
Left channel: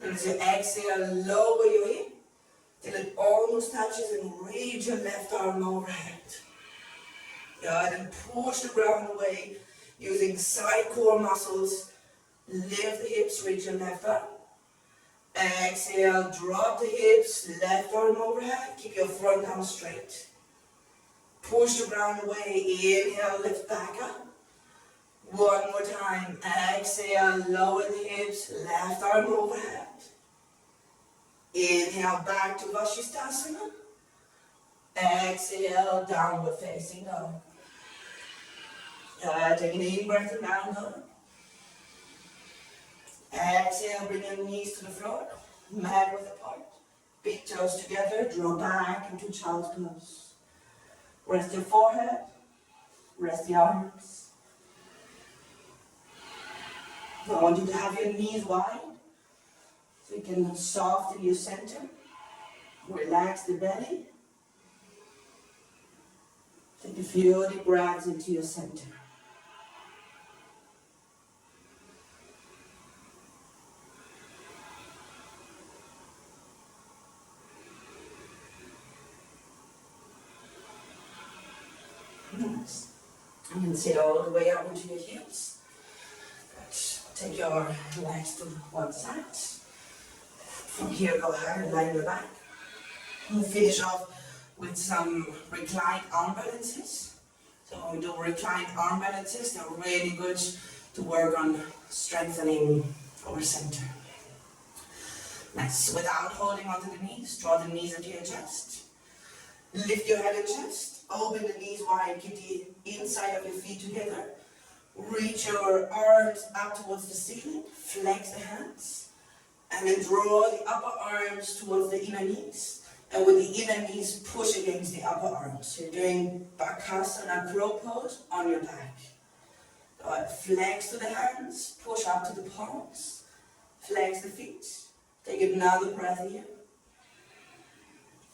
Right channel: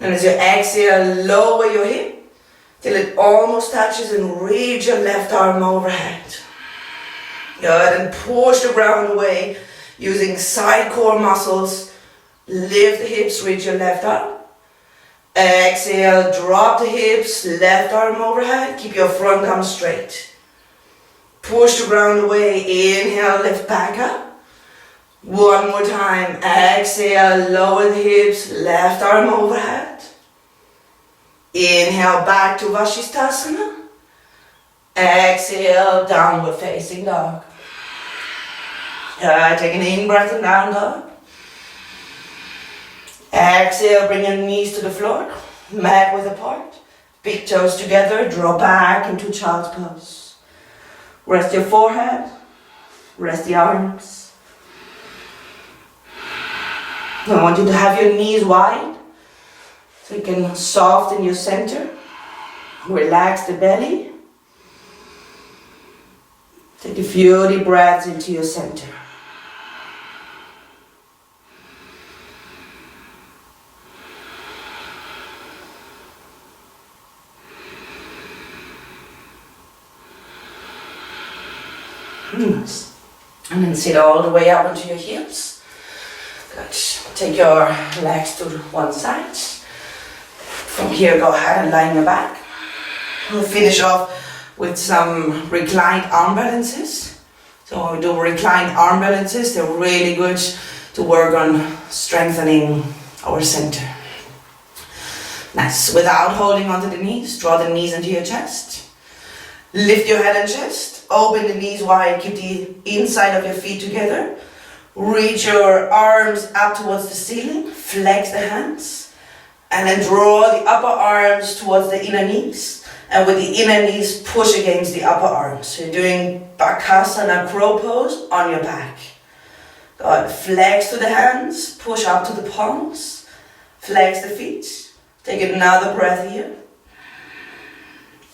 And as you exhale, lower your hip till it almost touches and reach your left arm overhead. Good, and push the ground away using side core muscles. Lift the hips, reach your left arm. Exhale, drop the hips, left arm overhead. Keep your front arm straight. Push the ground away. Inhale, lift back up. One more time. Exhale, lower the hips, left arm overhead. Inhale, back to vasisthasana. Exhale, downward facing dog. Take an in-breath and down dog. Exhale, bring your knees to the floor. Mat width apart. Big toes together. Draw back into child's pose. Rest your forehead. Rest the arms. I want you to have your knees wide so you can soften your center. Relax the belly. Take a few deep breaths into your center. Nice. And then sit all the way up onto your heels. Good. Take your legs to one side. From here, go ahead and lie on your back. We'll finish off with some reclined arm balances. So when we do reclined arm balances, they're really good to work on strengthening our center. Nice. Without holding onto the knees, draw the knees into your chest. Lift your head and chest. Open the knees wide. Keep the inside of your feet together. Reach your arms up towards the ceiling. Flex the hands. And then draw the upper arms towards the inner knees. And with the inner knees, push against the upper arms. So you're doing Bakasana crow pose on your back. Good. Flex to the hands. Push up to the palms. Flex the feet. Take another breath here.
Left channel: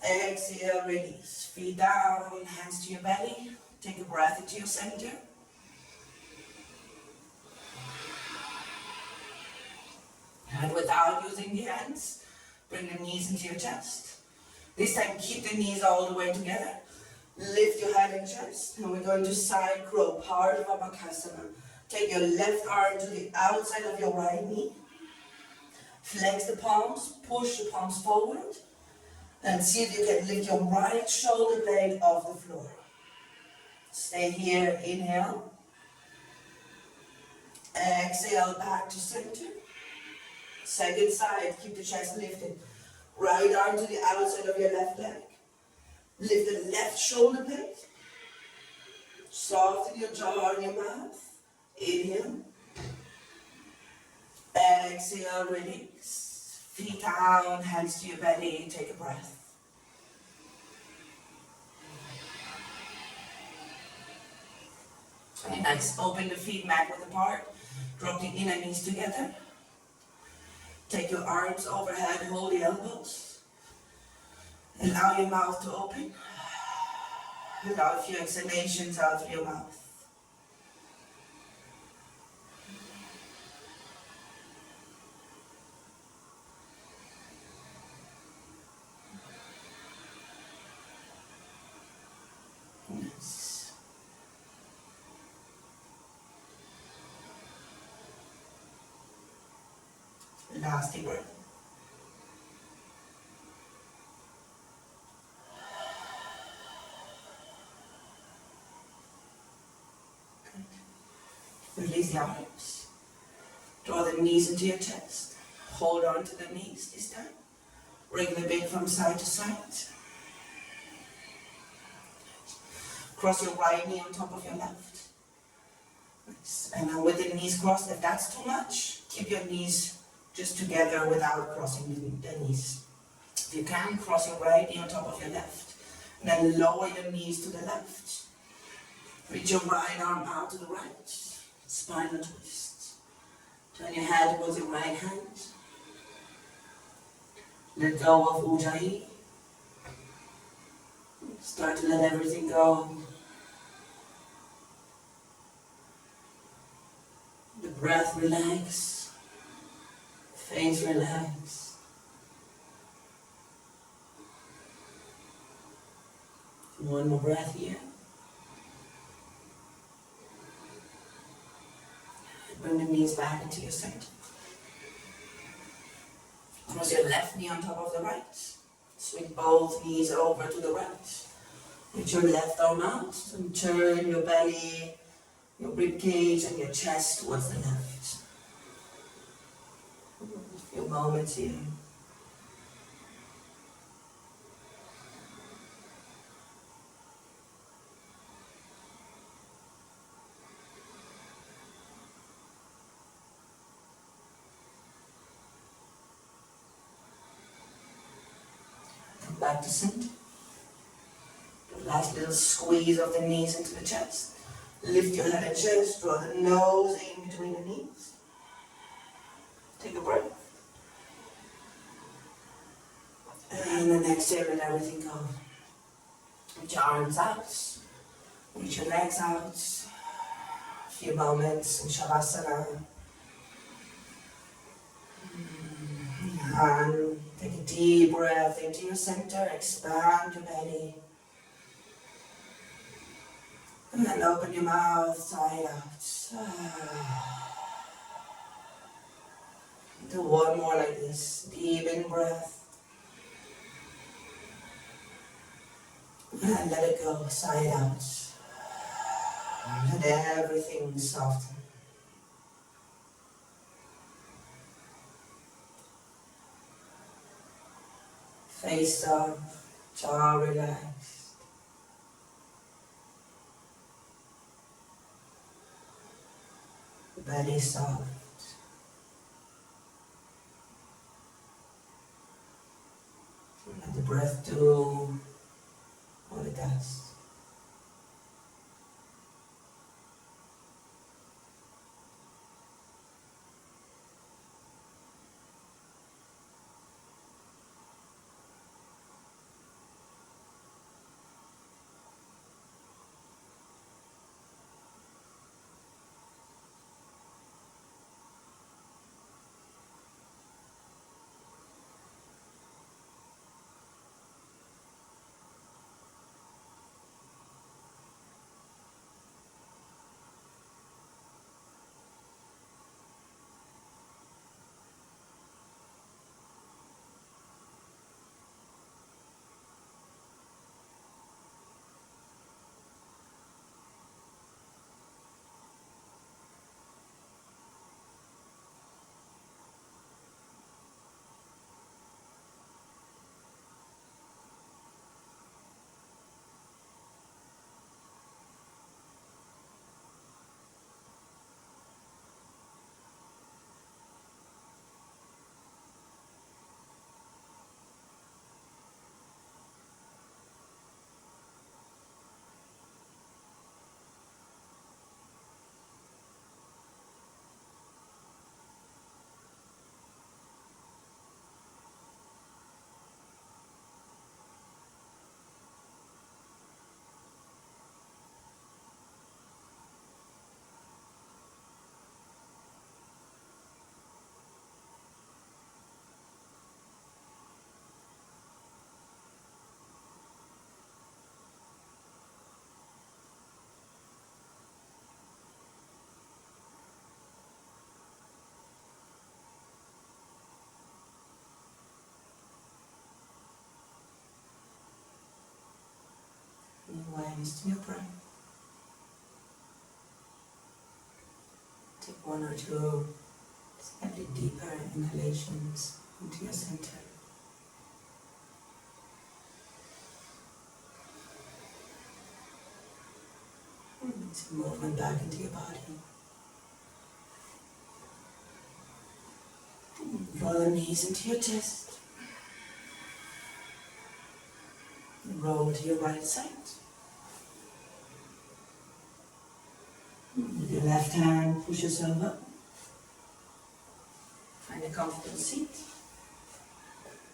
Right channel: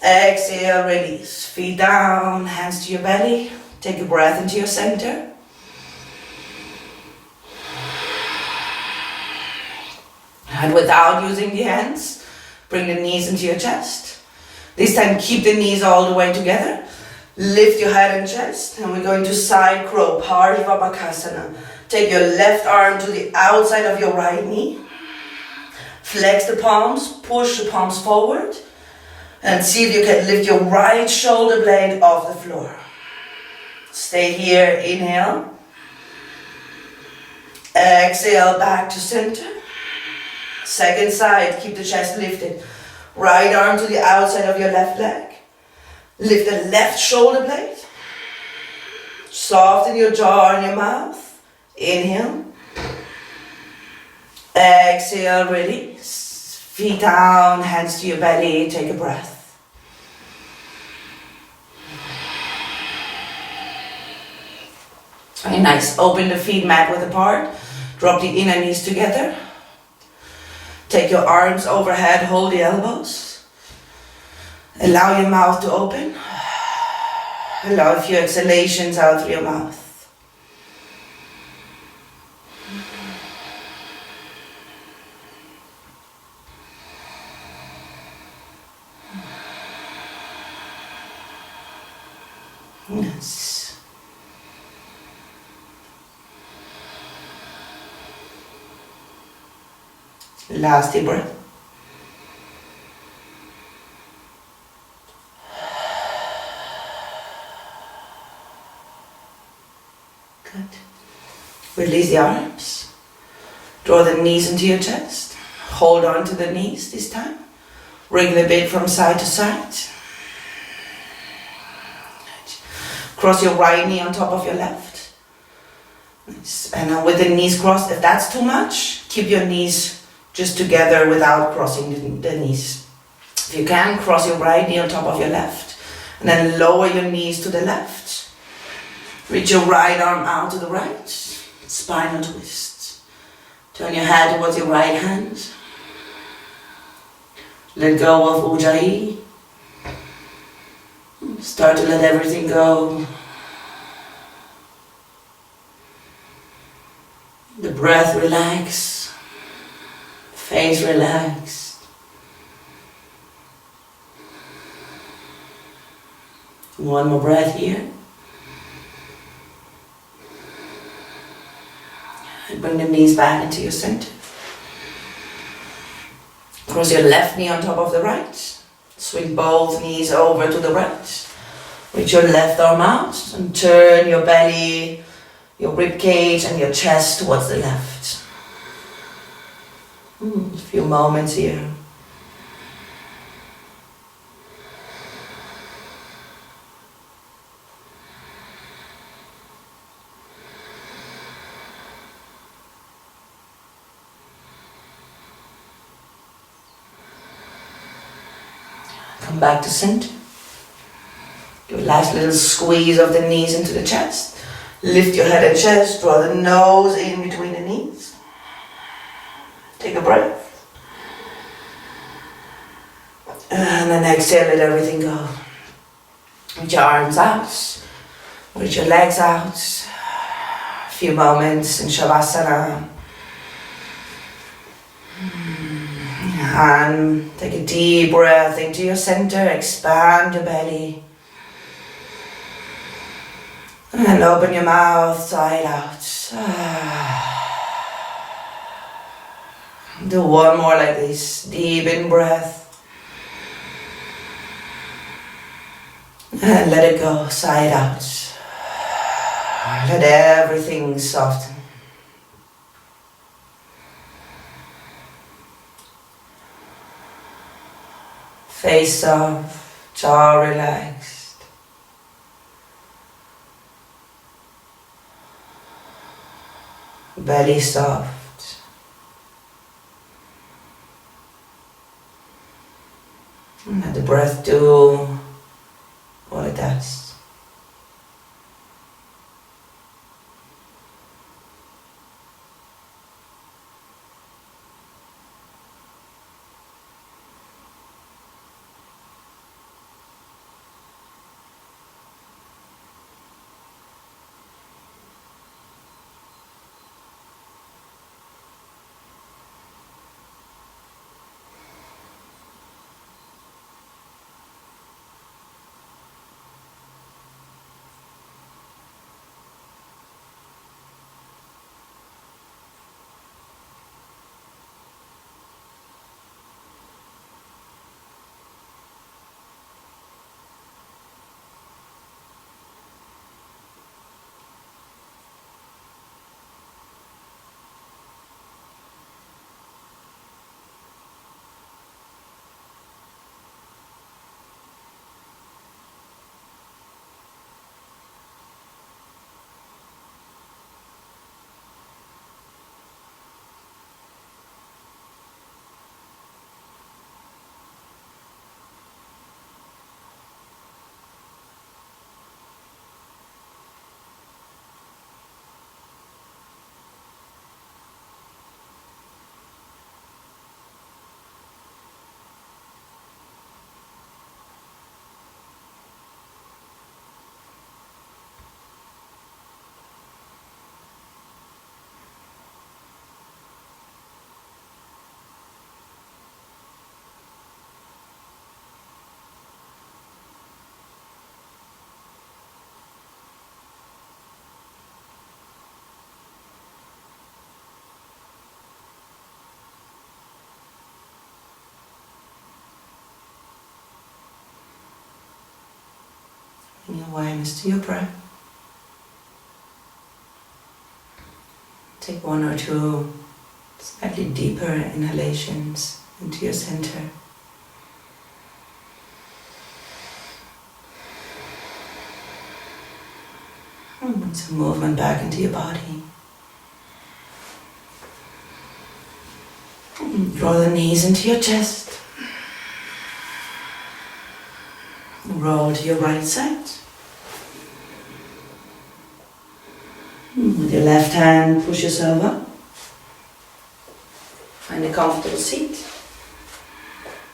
Exhale, release. Feet down, hands to your belly. Take a breath into your center. And without using the hands, bring the knees into your chest. This time keep the knees all the way together. Lift your head and chest. And we're going to side crow, Parsva Bakasana. Take your left arm to the outside of your right knee. Flex the palms, push the palms forward. And see if you can lift your right shoulder blade off the floor. Stay here, inhale. Exhale, back to center. Second side, keep the chest lifted. Right arm to the outside of your left leg. Lift the left shoulder blade. Soften your jaw and your mouth. Inhale. Exhale, release. Feet down, hands to your belly, take a breath. Very nice. Open the feet mat width apart. Drop the inner knees together. Take your arms overhead, hold the elbows. Allow your mouth to open. Allow a few exhalations out through your mouth. Yes. Last deep breath. Good. Release the arms. Draw the knees into your chest. Hold on to the knees this time. Wriggle a bit from side to side. Cross your right knee on top of your left. Nice. And then with the knees crossed, if that's too much, keep your knees just together without crossing the knees. If you can, cross your right knee on top of your left. And then lower your knees to the left. Reach your right arm out to the right. Spinal twist. Turn your head towards your right hand. Let go of Ujjayi. Start to let everything go. The breath relax. Face relax. One more breath here. Bring the knees back into your center. Cross your left knee on top of the right. Swing both knees over to the right. Reach your left arm out and turn your belly, your rib cage and your chest towards the left. A few moments here. Come back to center. Do a last little squeeze of the knees into the chest. Lift your head and chest, draw the nose in between the knees. Take a breath. And then exhale, let everything go. Reach your arms out. Reach your legs out. A few moments in shavasana. And take a deep breath into your center, expand your belly. And open your mouth, side out. Do one more like this, deep in breath. And let it go, side out. Let everything soften. Face soft, jaw relaxed. Belly soft. And let the breath do what it does. Bring awareness to your breath. Take one or two slightly deeper inhalations into your center. And some movement back into your body. Draw the knees into your chest. Roll to your right side. With your left hand, push yourself up. Find a comfortable seat.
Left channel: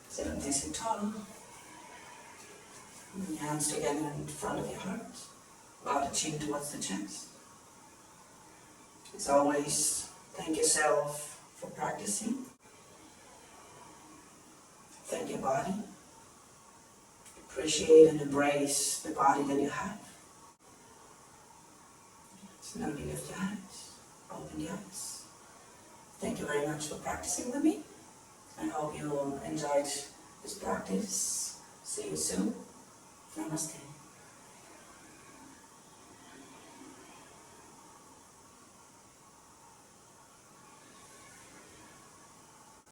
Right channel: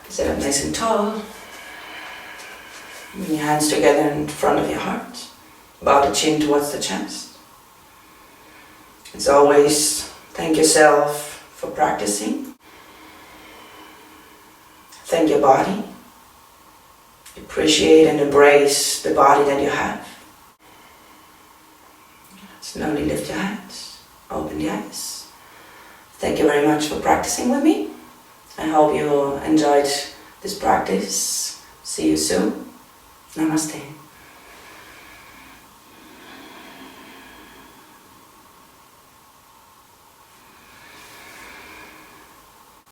Sit up nice and tall. Bring your hands together in front of your heart. Bow the chin towards the chest. As always, thank yourself for practicing. Thank your body. Appreciate and embrace the body that you have. Slowly lift your hands, open the eyes. Thank you very much for practicing with me. I hope you enjoyed this practice. See you soon. Namaste.